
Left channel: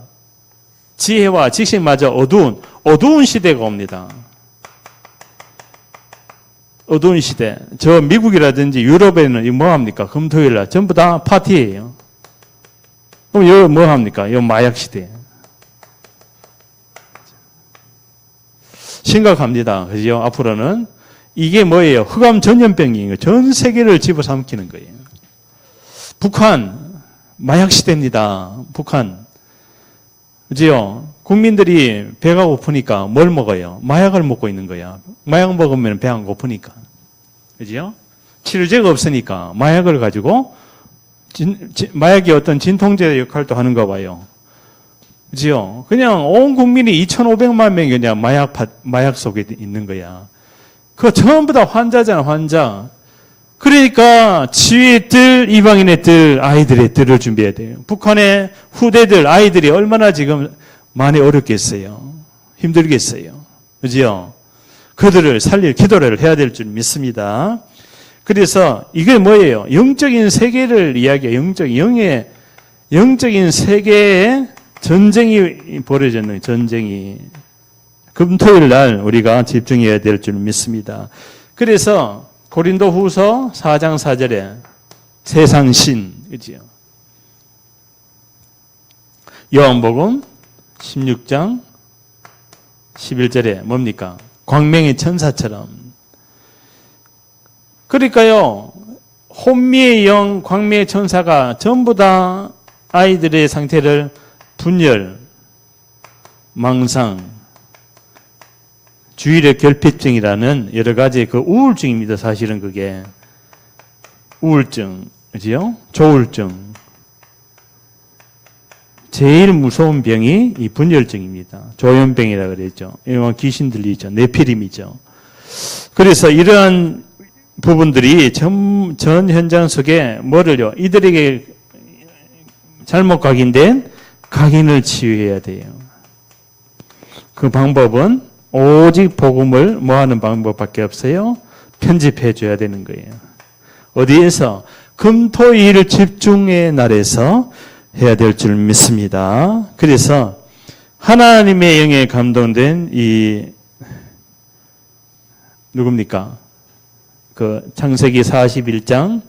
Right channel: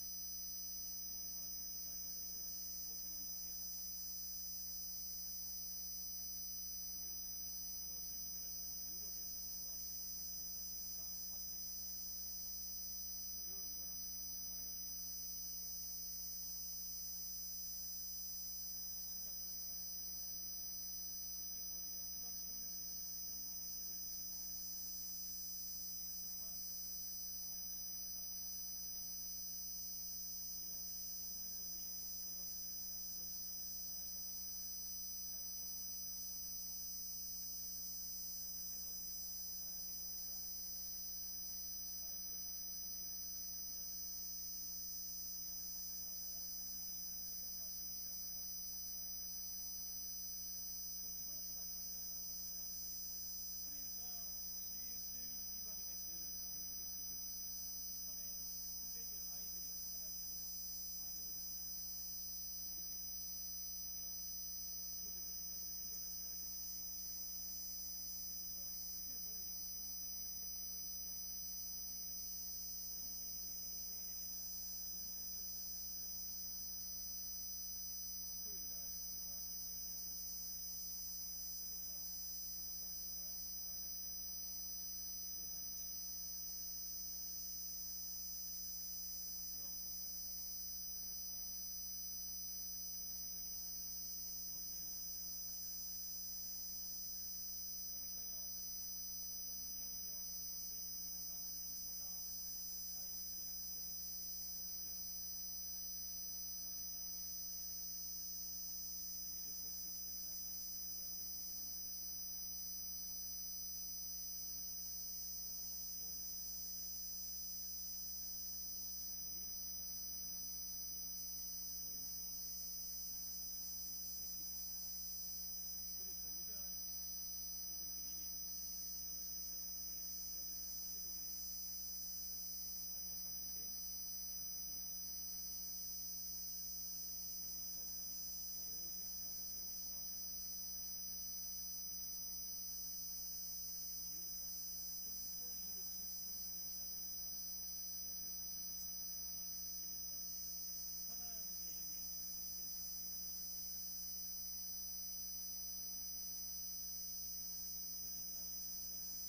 지혜와 지식마저 어두운 시대가 옵니다. 어두운 시대. 저 미국이라든지 유럽에는 뭐 합니까? 금토일 날 전부 다 파티예요. 그럼 여기 뭐 합니까? 이 마약 시대. 심각합니다. 그죠? 앞으로는 이게 뭐예요? 흑암 전염병인 거예요. 전 세계를 집어삼키는 거예요. 북한 마약 시대입니다. 북한. 그죠? 국민들이 배가 고프니까 뭘 먹어요? 마약을 먹고 있는 거야. 마약 먹으면 배 안 고프니까. 그죠? 치료제가 없으니까 마약을 가지고 마약이 어떤 진통제 역할도 하는가 봐요. 그죠? 그냥 온 국민이 2,500만 명이 그냥 마약 속에 있는 거야. 그거 전부 다 환자잖아, 환자. 그러니까 지위의 뜰, 이방인의 뜰, 아이들의 뜰을 준비해야 돼요. 북한의 후대들, 아이들이 얼마나 지금 많이 어렵겠어요. 힘들겠어요. 그죠? 그들을 살릴 기도를 해야 될 줄 믿습니다. 그래서 이게 뭐예요? 영적인 세계를 이야기해요. 영적인 세계에 전쟁이 벌어졌는 전쟁이. 금토일 날 우리가 집중해야 될 줄 믿습니다. 그래서 고린도 후서 4장 4절에 세상신, 그지요? 요한복음 16장 11절에 뭡니까? 광명의 천사처럼. 그러니까요, 혼미의 영, 광명의 천사가 전부 다 아이들의 상태를 분열, 망상, 주의력 결핍증이라는 여러 가지 그 우울증입니다. 사실은 그게 우울증, 그지요? 조울증. 제일 무서운 병이 이 분열증입니다. 조현병이라 그랬죠. 이건 귀신 들리죠. 네피림이죠. 그래서 이러한 부분들이 전 현장 속에 뭐를요? 이들에게 잘못 각인된 각인을 치유해야 돼요. 그 방법은 오직 복음을 뭐하는 방법밖에 없어요? 편집해 줘야 되는 거예요. 어디에서? 금토일 집중의 날에서 해야 될 줄 믿습니다. 그래서 하나님의 영에 감동된 이 누굽니까? 그 창세기 41장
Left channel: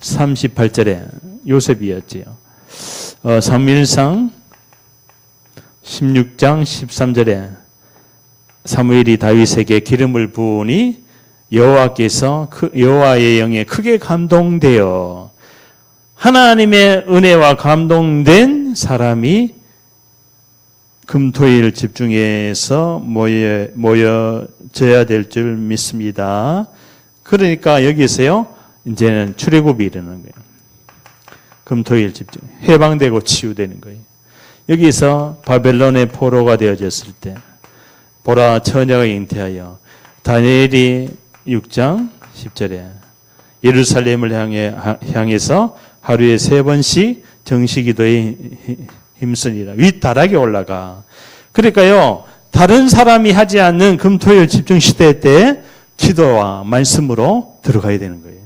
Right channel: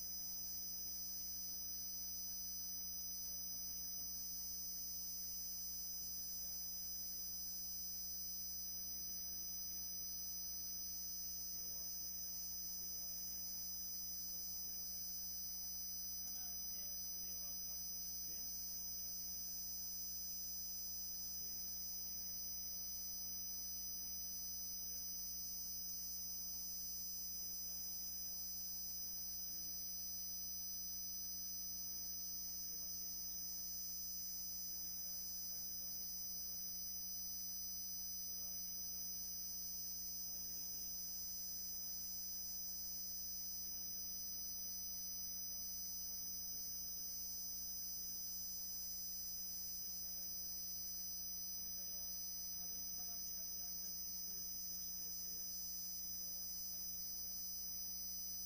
38절에 요셉이었지요. 사무엘상 16장 13절에 사무엘이 다윗에게 기름을 부으니 여호와께서 여호와의 영에 크게 감동되어 하나님의 은혜와 감동된 사람이 금토일 집중해서 모여져야 될 줄 믿습니다. 그러니까 여기서요, 이제는 출애굽이 일어나는 거예요. 금토일 집중, 해방되고 치유되는 거예요. 여기서 바벨론의 포로가 되어졌을 때 보라 처녀가 잉태하여 다니엘이 6장 10절에 예루살렘을 향해서 하루에 3번씩 정시기도에 힘쓰니라. 윗다락에 올라가. 그러니까요, 다른 사람이 하지 않는 금토일 집중 시대 때 기도와 말씀으로 들어가야 되는 거예요.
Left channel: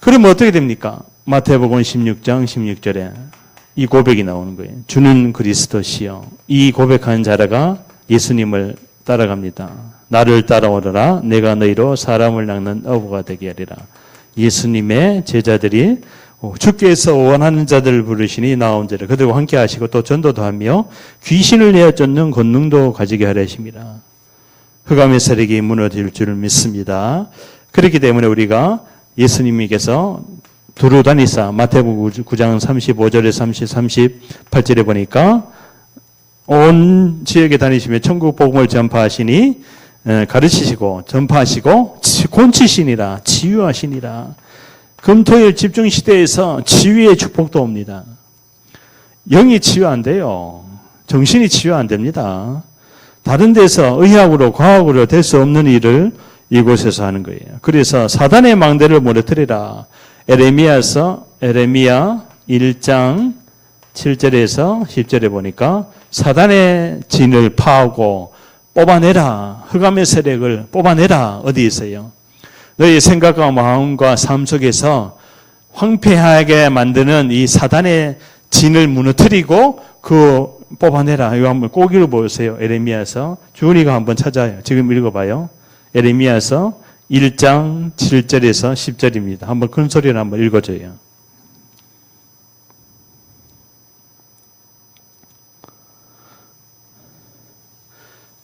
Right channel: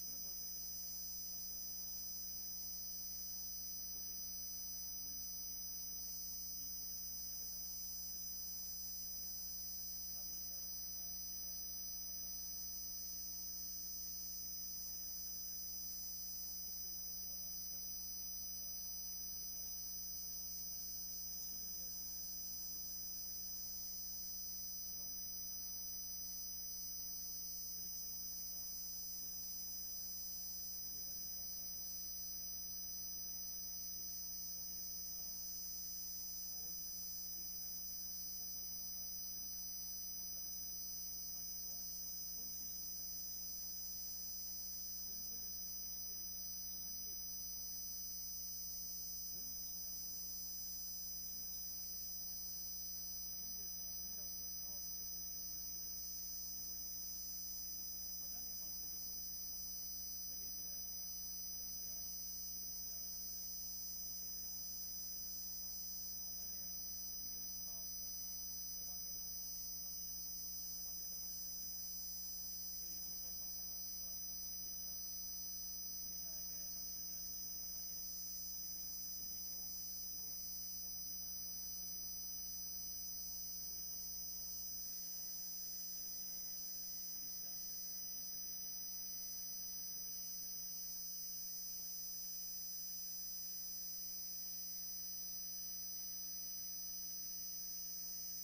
그러면 어떻게 됩니까? 마태복음 16장 16절에 이 고백이 나오는 거예요. 주는 그리스도시요. 이 고백한 자라가 예수님을 따라갑니다. 나를 따라오너라. 내가 너희로 사람을 낚는 어부가 되게 하리라. 예수님의 제자들이 주께서 원하는 자들을 부르시니 나온 자를 그들과 함께 하시고 또 전도도 하며 귀신을 내어 쫓는 권능도 가지게 하려 하십니다. 흑암의 세력이 무너질 줄 믿습니다. 그렇기 때문에 우리가 예수님께서 두루 다니사 마태복음 9장 35절에 38절에 보니까 온 지역에 다니시며 천국 복음을 전파하시니 가르치시고 전파하시고 곤치시니라 치유하시니라. 금토일 집중 시대에서 치유의 축복도 옵니다. 영이 치유 안 돼요. 정신이 치유 안 됩니다. 다른 데서 의학으로 과학으로 될 수 없는 일을 이곳에서 하는 거예요. 그래서 사단의 망대를 무너뜨리라. 에레미야 1장 7절에서 10절에 보니까 사단의 진을 파하고 뽑아내라. 흑암의 세력을 뽑아내라. 어디 있어요? 너희 생각과 마음과 삶 속에서 황폐하게 만드는 이 사단의 진을 무너뜨리고 그 뽑아내라. 이거 한번 꼭 읽어보세요. 에레미야서. 주은이가 한번 찾아요. 지금 읽어봐요. 에레미야서 1장 7절에서 10절입니다. 한번 큰 소리로 한번 읽어줘요.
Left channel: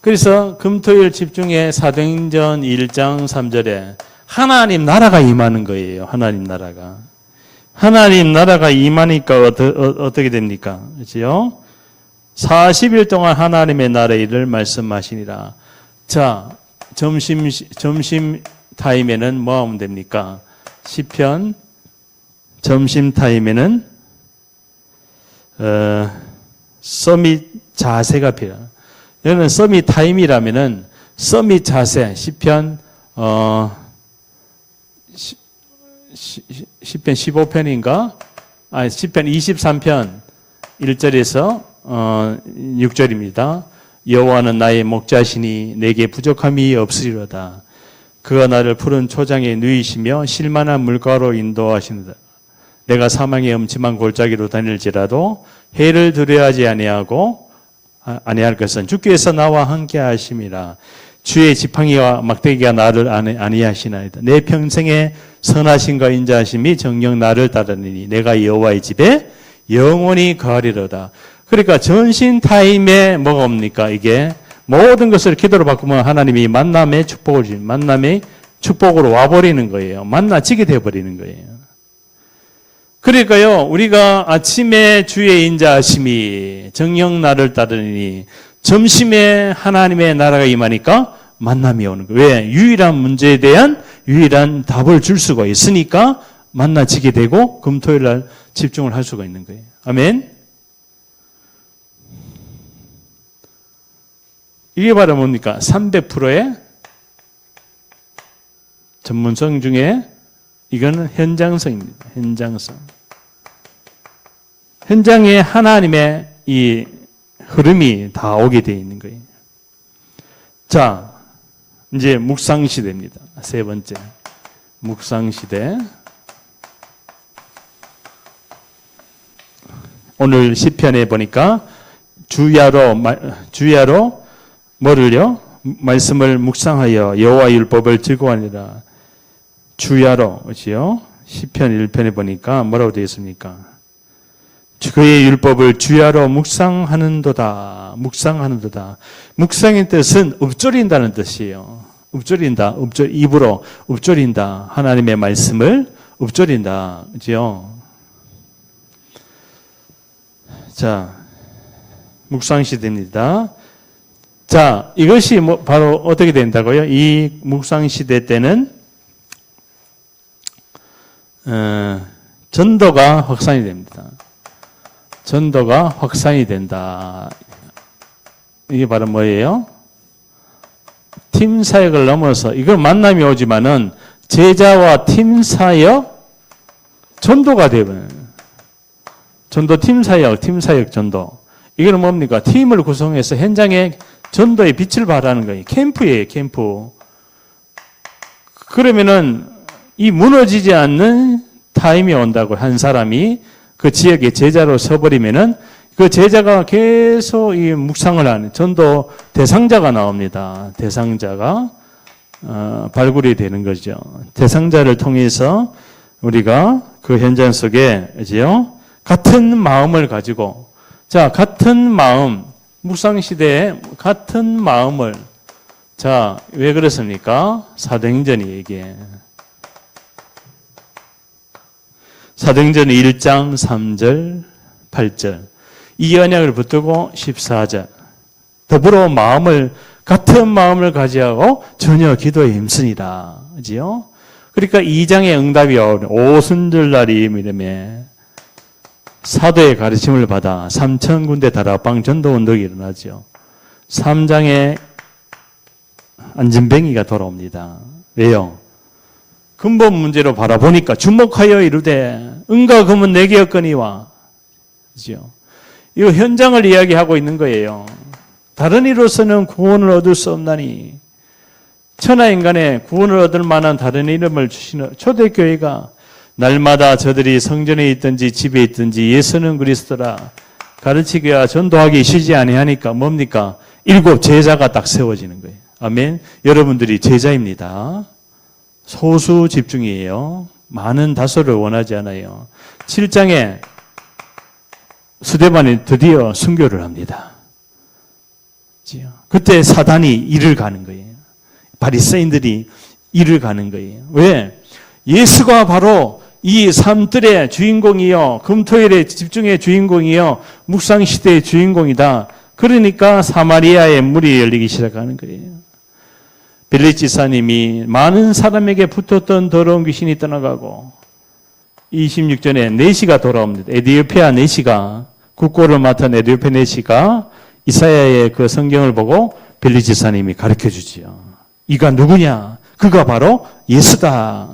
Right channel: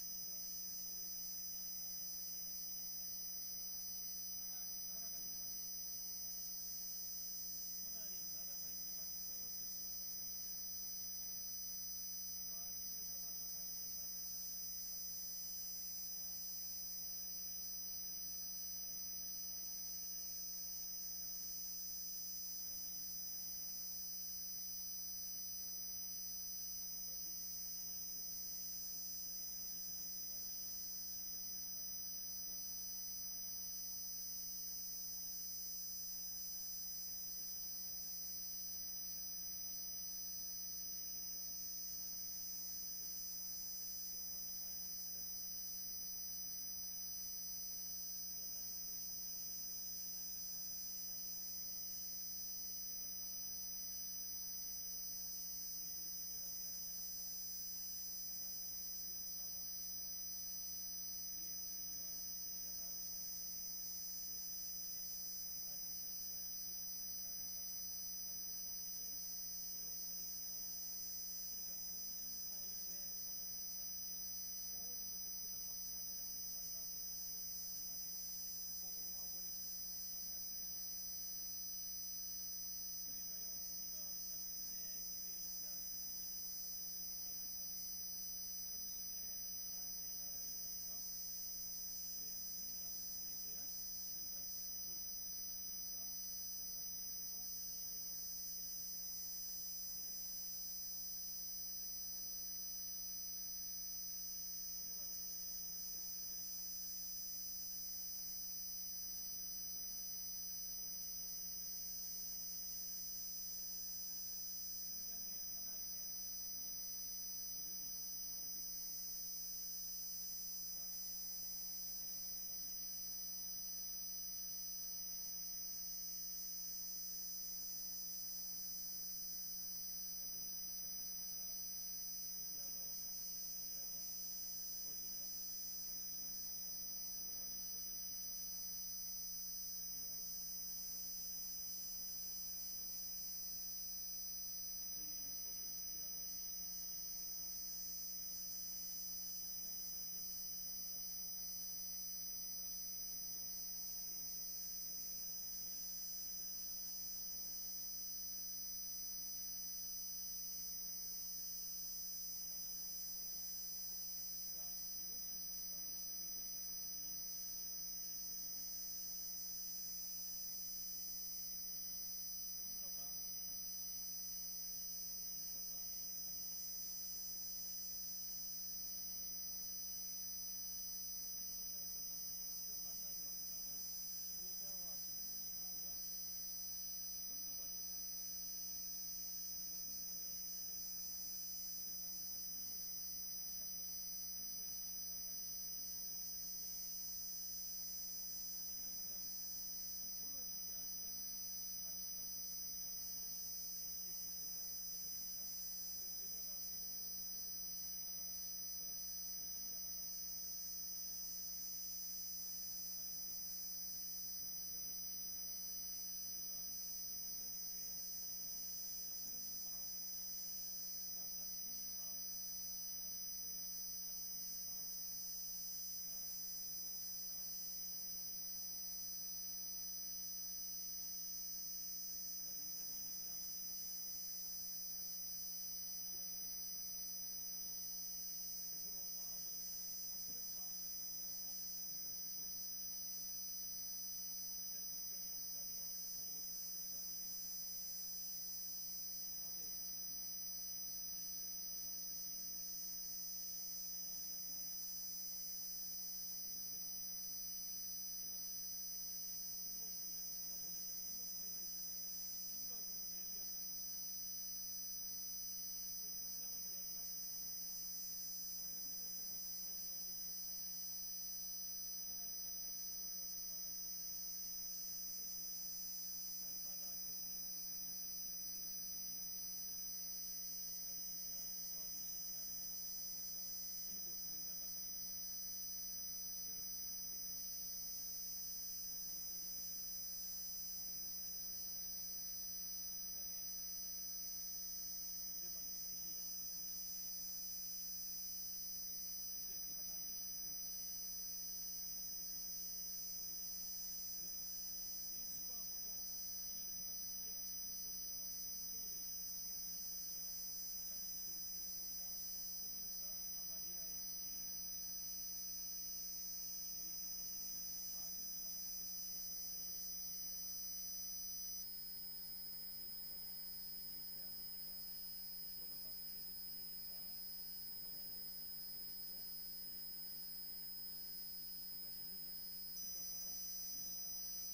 그래서 금토일 집중에 사도행전 1장 3절에 하나님 나라가 임하는 거예요. 하나님 나라가. 하나님 나라가 임하니까 어떻게 됩니까? 그렇죠? 40일 동안 하나님의 나라의 일을 말씀하시니라. 자, 점심 타임에는 뭐 하면 됩니까? 시편 점심 타임에는 서밋 자세가 필요해요. 여기는 서밋 타임이라면은 서밋 자세 시편 시편 15편인가? 아니 시편 23편 1절에서 6절입니다. 여호와는 나의 목자시니 내게 부족함이 없으리로다. 그가 나를 푸른 초장에 누이시며 실만한 물가로 인도하시는다. 내가 사망의 엄침한 골짜기로 다닐지라도 해를 두려워하지 아니할 것은 주께서 나와 함께 하심이라. 주의 지팡이와 막대기가 나를 아니하시나이다. 내 평생에 선하심과 인자하심이 정녕 나를 따르니 내가 여호와의 집에 영원히 거하리로다. 그러니까 전신 타임에 뭐가 옵니까? 이게 모든 것을 기도로 바꾸면 하나님이 만남의 축복으로 와버리는 거예요. 만나지게 되어버리는 거예요. 그러니까요, 우리가 아침에 주의 인자하심이 정녕 나를 따르니 점심에 하나님의 나라가 임하니까 만남이 오는 거예요. 왜? 유일한 문제에 대한 유일한 답을 줄 수가 있으니까 만나지게 되고 금토일 날 집중을 할 수가 있는 거예요. 아멘. 이게 바로 뭡니까? 300%의 전문성 중에 이거는 현장성입니다. 현장성. 현장에 하나님의 이 흐름이 다 오게 되어 있는 거예요. 자, 이제 묵상 시대입니다. 세 번째. 묵상 시대. 오늘 시편에 보니까 주야로 뭐를요? 말씀을 묵상하여 여호와 율법을 즐거워하니라. 주야로, 그렇지요? 시편 1편에 보니까 뭐라고 되어 있습니까? 그의 율법을 주야로 묵상하는도다. 묵상하는도다. 묵상의 뜻은 읊조린다는 뜻이에요. 읊조린다. 입으로 읊조린다. 하나님의 말씀을 읊조린다. 그렇죠? 자, 묵상 시대입니다. 자, 이것이 바로 어떻게 된다고요? 이 묵상 시대 때는 전도가 확산이 됩니다. 전도가 확산이 된다. 이게 바로 뭐예요? 팀 사역을 넘어서 이걸 만남이 오지만은 제자와 팀 사역 전도가 되면 전도 팀 사역 전도. 이거는 뭡니까? 팀을 구성해서 현장에 전도의 빛을 발하는 거예요. 캠프예요, 캠프. 그러면은 이 무너지지 않는 타임이 온다고 한 사람이 그 지역의 제자로 서버리면은 그 제자가 계속 이 묵상을 하는 전도 대상자가 나옵니다. 대상자가 발굴이 되는 거죠. 대상자를 통해서 우리가 그 현장 속에 이제요 같은 마음을 가지고 자 같은 마음 묵상 시대에 같은 마음을 자 왜 그렇습니까? 사도행전이 얘기해. 사도행전 1장 3절 8절 이 언약을 붙들고 14절 더불어 같은 마음을 가지고 전혀 기도에 힘쓰니라. 그지요? 그러니까 2장의 응답이 오순절날이 이름에 사도의 가르침을 받아 3,000군데 다락방 전도운동이 일어나죠. 3장에 안전뱅이가 돌아옵니다. 왜요? 근본 문제로 바라보니까 주목하여 이르되 은과 금은 내게 없거니와. 그죠? 이거 현장을 이야기하고 있는 거예요. 다른 이로서는 구원을 얻을 수 없나니 천하인간의 구원을 얻을 만한 다른 이름을 주시는 초대교회가 날마다 저들이 성전에 있든지 집에 있든지 예수는 그리스도라 가르치기와 전도하기 쉬지 아니하니까 뭡니까? 7 제자가 딱 세워지는 거예요. 아멘. 여러분들이 제자입니다. 소수 집중이에요. 많은 다수를 원하지 않아요. 7장에 스데반이 드디어 순교를 합니다. 그때 사단이 일을 가는 거예요. 바리새인들이 일을 가는 거예요. 왜? 예수가 바로 이 삶들의 주인공이요, 금토일의 집중의 주인공이요, 묵상시대의 주인공이다. 그러니까 사마리아의 문이 열리기 시작하는 거예요. 빌립 지사님이 많은 사람에게 붙었던 더러운 귀신이 떠나가고 26절에 네시가 돌아옵니다. 에디오피아 네시가, 국고를 맡은 에디오피아 네시가 이사야의 그 성경을 보고 빌립 지사님이 가르쳐 주지요. 이가 누구냐? 그가 바로 예수다.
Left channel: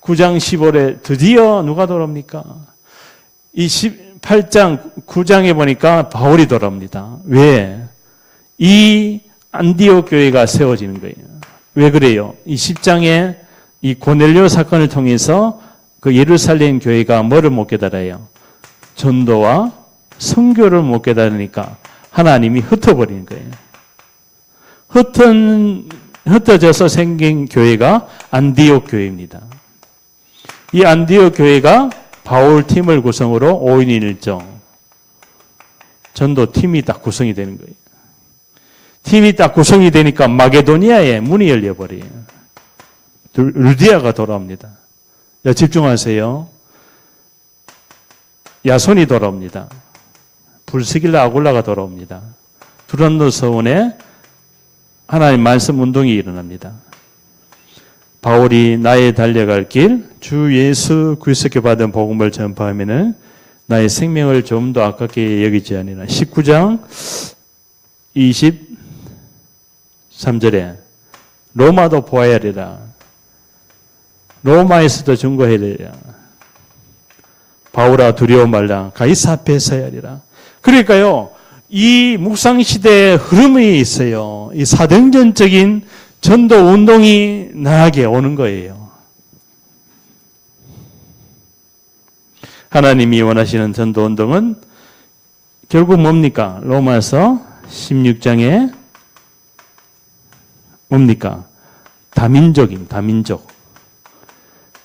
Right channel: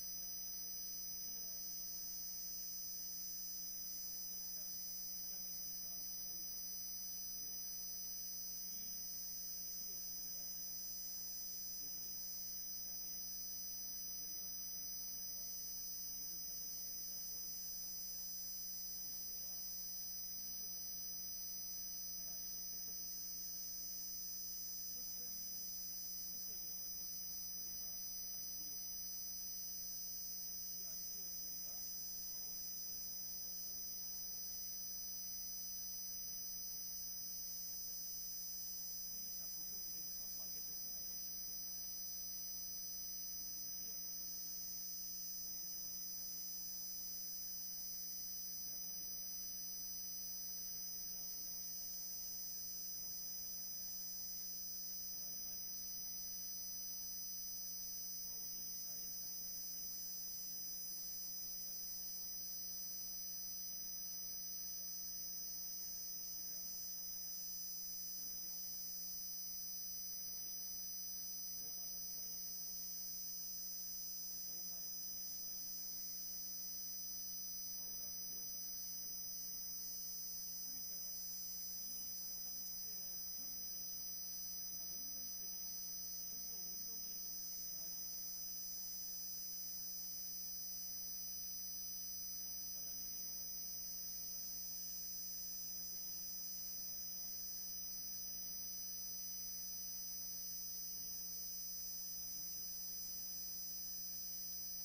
9장 15절에 드디어 누가 돌아옵니까? 이 18장 9장에 보니까 바울이 돌아옵니다. 왜? 이 안디옥 교회가 세워지는 거예요. 왜 그래요? 이 10장에 이 고넬료 사건을 통해서 그 예루살렘 교회가 뭐를 못 깨달아요? 전도와 선교를 못 깨달으니까 하나님이 흩어버리는 거예요. 흩어져서 생긴 교회가 안디옥 교회입니다. 이 안디옥 교회가 바울 팀을 구성으로 5인 1조 전도 팀이 딱 구성이 되는 거예요. 팀이 딱 구성이 되니까 마게도니아에 문이 열려버려요. 루디아가 돌아옵니다. 집중하세요. 야손이 돌아옵니다. 불스길라 아굴라가 돌아옵니다. 두란노 서원에 하나님 말씀 운동이 일어납니다. 바울이 나의 달려갈 길, 주 예수 그리스도께 받은 복음을 전파하면은 나의 생명을 좀 더 아깝게 여기지 아니라 19장 23절에 로마도 보아야 되라. 로마에서도 증거해야 되라. 바울아 두려워 말라. 가이사 앞에 서야 하리라. 그러니까요, 이 묵상시대의 흐름이 있어요. 이 사등전적인 전도 운동이 나에게 오는 거예요. 하나님이 원하시는 전도 운동은 결국 뭡니까? 로마서 16장에 뭡니까? 다민족.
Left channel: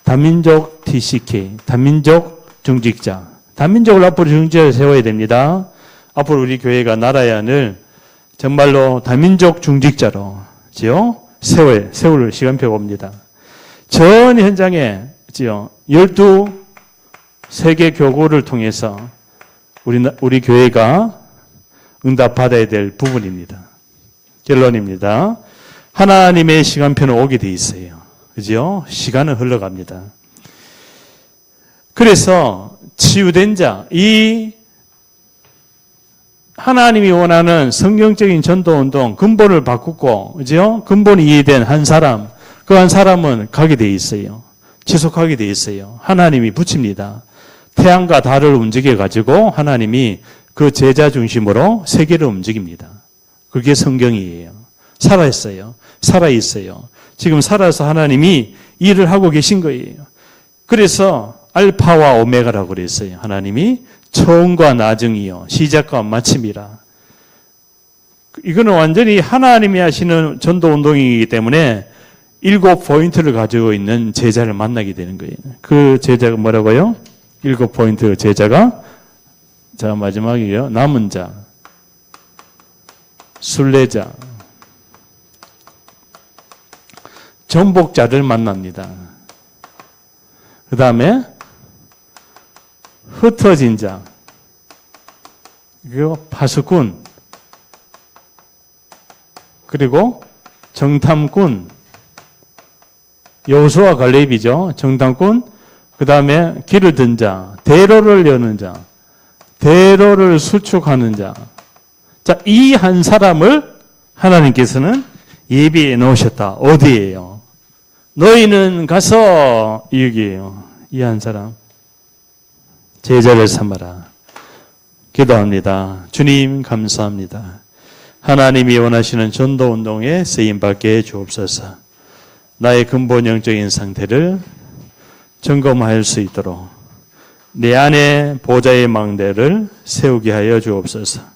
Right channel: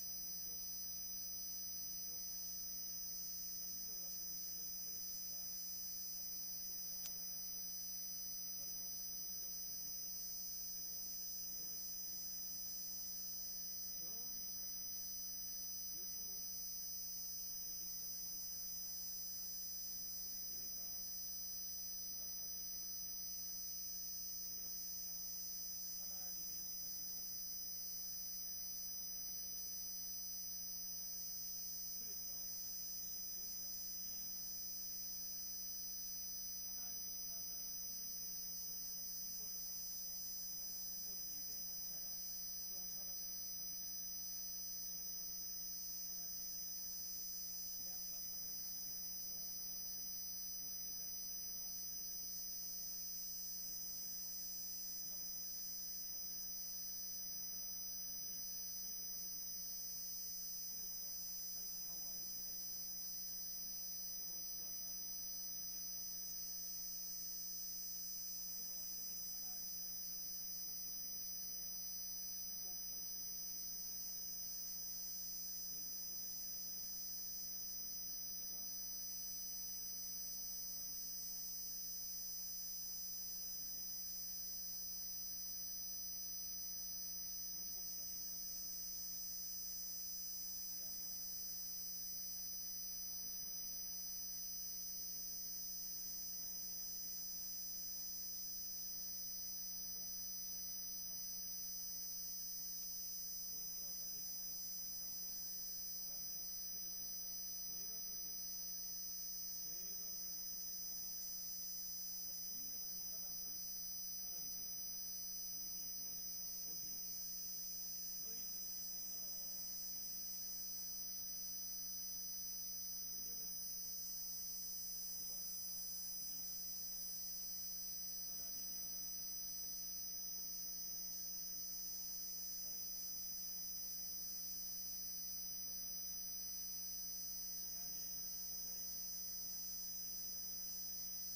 다민족 TCK, 다민족 중직자. 다민족을 앞으로 중직자를 세워야 됩니다. 앞으로 우리 교회가 나라야 늘 정말로 다민족 중직자로 세울 시간표가 옵니다. 전 현장에 12세계 교구를 통해서 우리 교회가 응답받아야 될 부분입니다. 결론입니다. 하나님의 시간표는 오게 돼 있어요. 그죠? 시간은 흘러갑니다. 그래서 치유된 자, 이 하나님이 원하는 성경적인 전도운동 근본을 바꾸고, 그죠? 근본이 이해된 한 사람, 그 한 사람은 가게 돼 있어요. 지속하게 돼 있어요. 하나님이 붙입니다. 태양과 달을 움직여가지고 하나님이 그 제자 중심으로 세계를 움직입니다. 그게 성경이에요. 살아있어요. 지금 살아서 하나님이 일을 하고 계신 거예요. 그래서 알파와 오메가라고 그랬어요. 하나님이 처음과 나중이요, 시작과 마침이라. 이거는 완전히 하나님이 하시는 전도 운동이기 때문에 7포인트를 가지고 있는 제자를 만나게 되는 거예요. 그 제자가 뭐라고요? 7포인트 제자가, 자, 마지막이에요. 남은 자, 순례자, 정복자를 만납니다. 그 다음에 흩어진 자, 그리고 파수꾼, 그리고 정탐꾼, 여호수아 갈렙이죠. 정탐꾼, 그 다음에 길을 든 자, 대로를 여는 자, 대로를 수축하는 자. 자, 이 한 사람을 하나님께서는 예비해 놓으셨다. 어디예요? 너희는 가서, 여기에요. 이 한 사람. 제자를 삼아라. 기도합니다. 주님 감사합니다. 하나님이 원하시는 전도운동에 쓰임받게 주옵소서. 나의 근본 영적인 상태를 점검할 수 있도록 내 안에 보좌의 망대를 세우게 하여 주옵소서.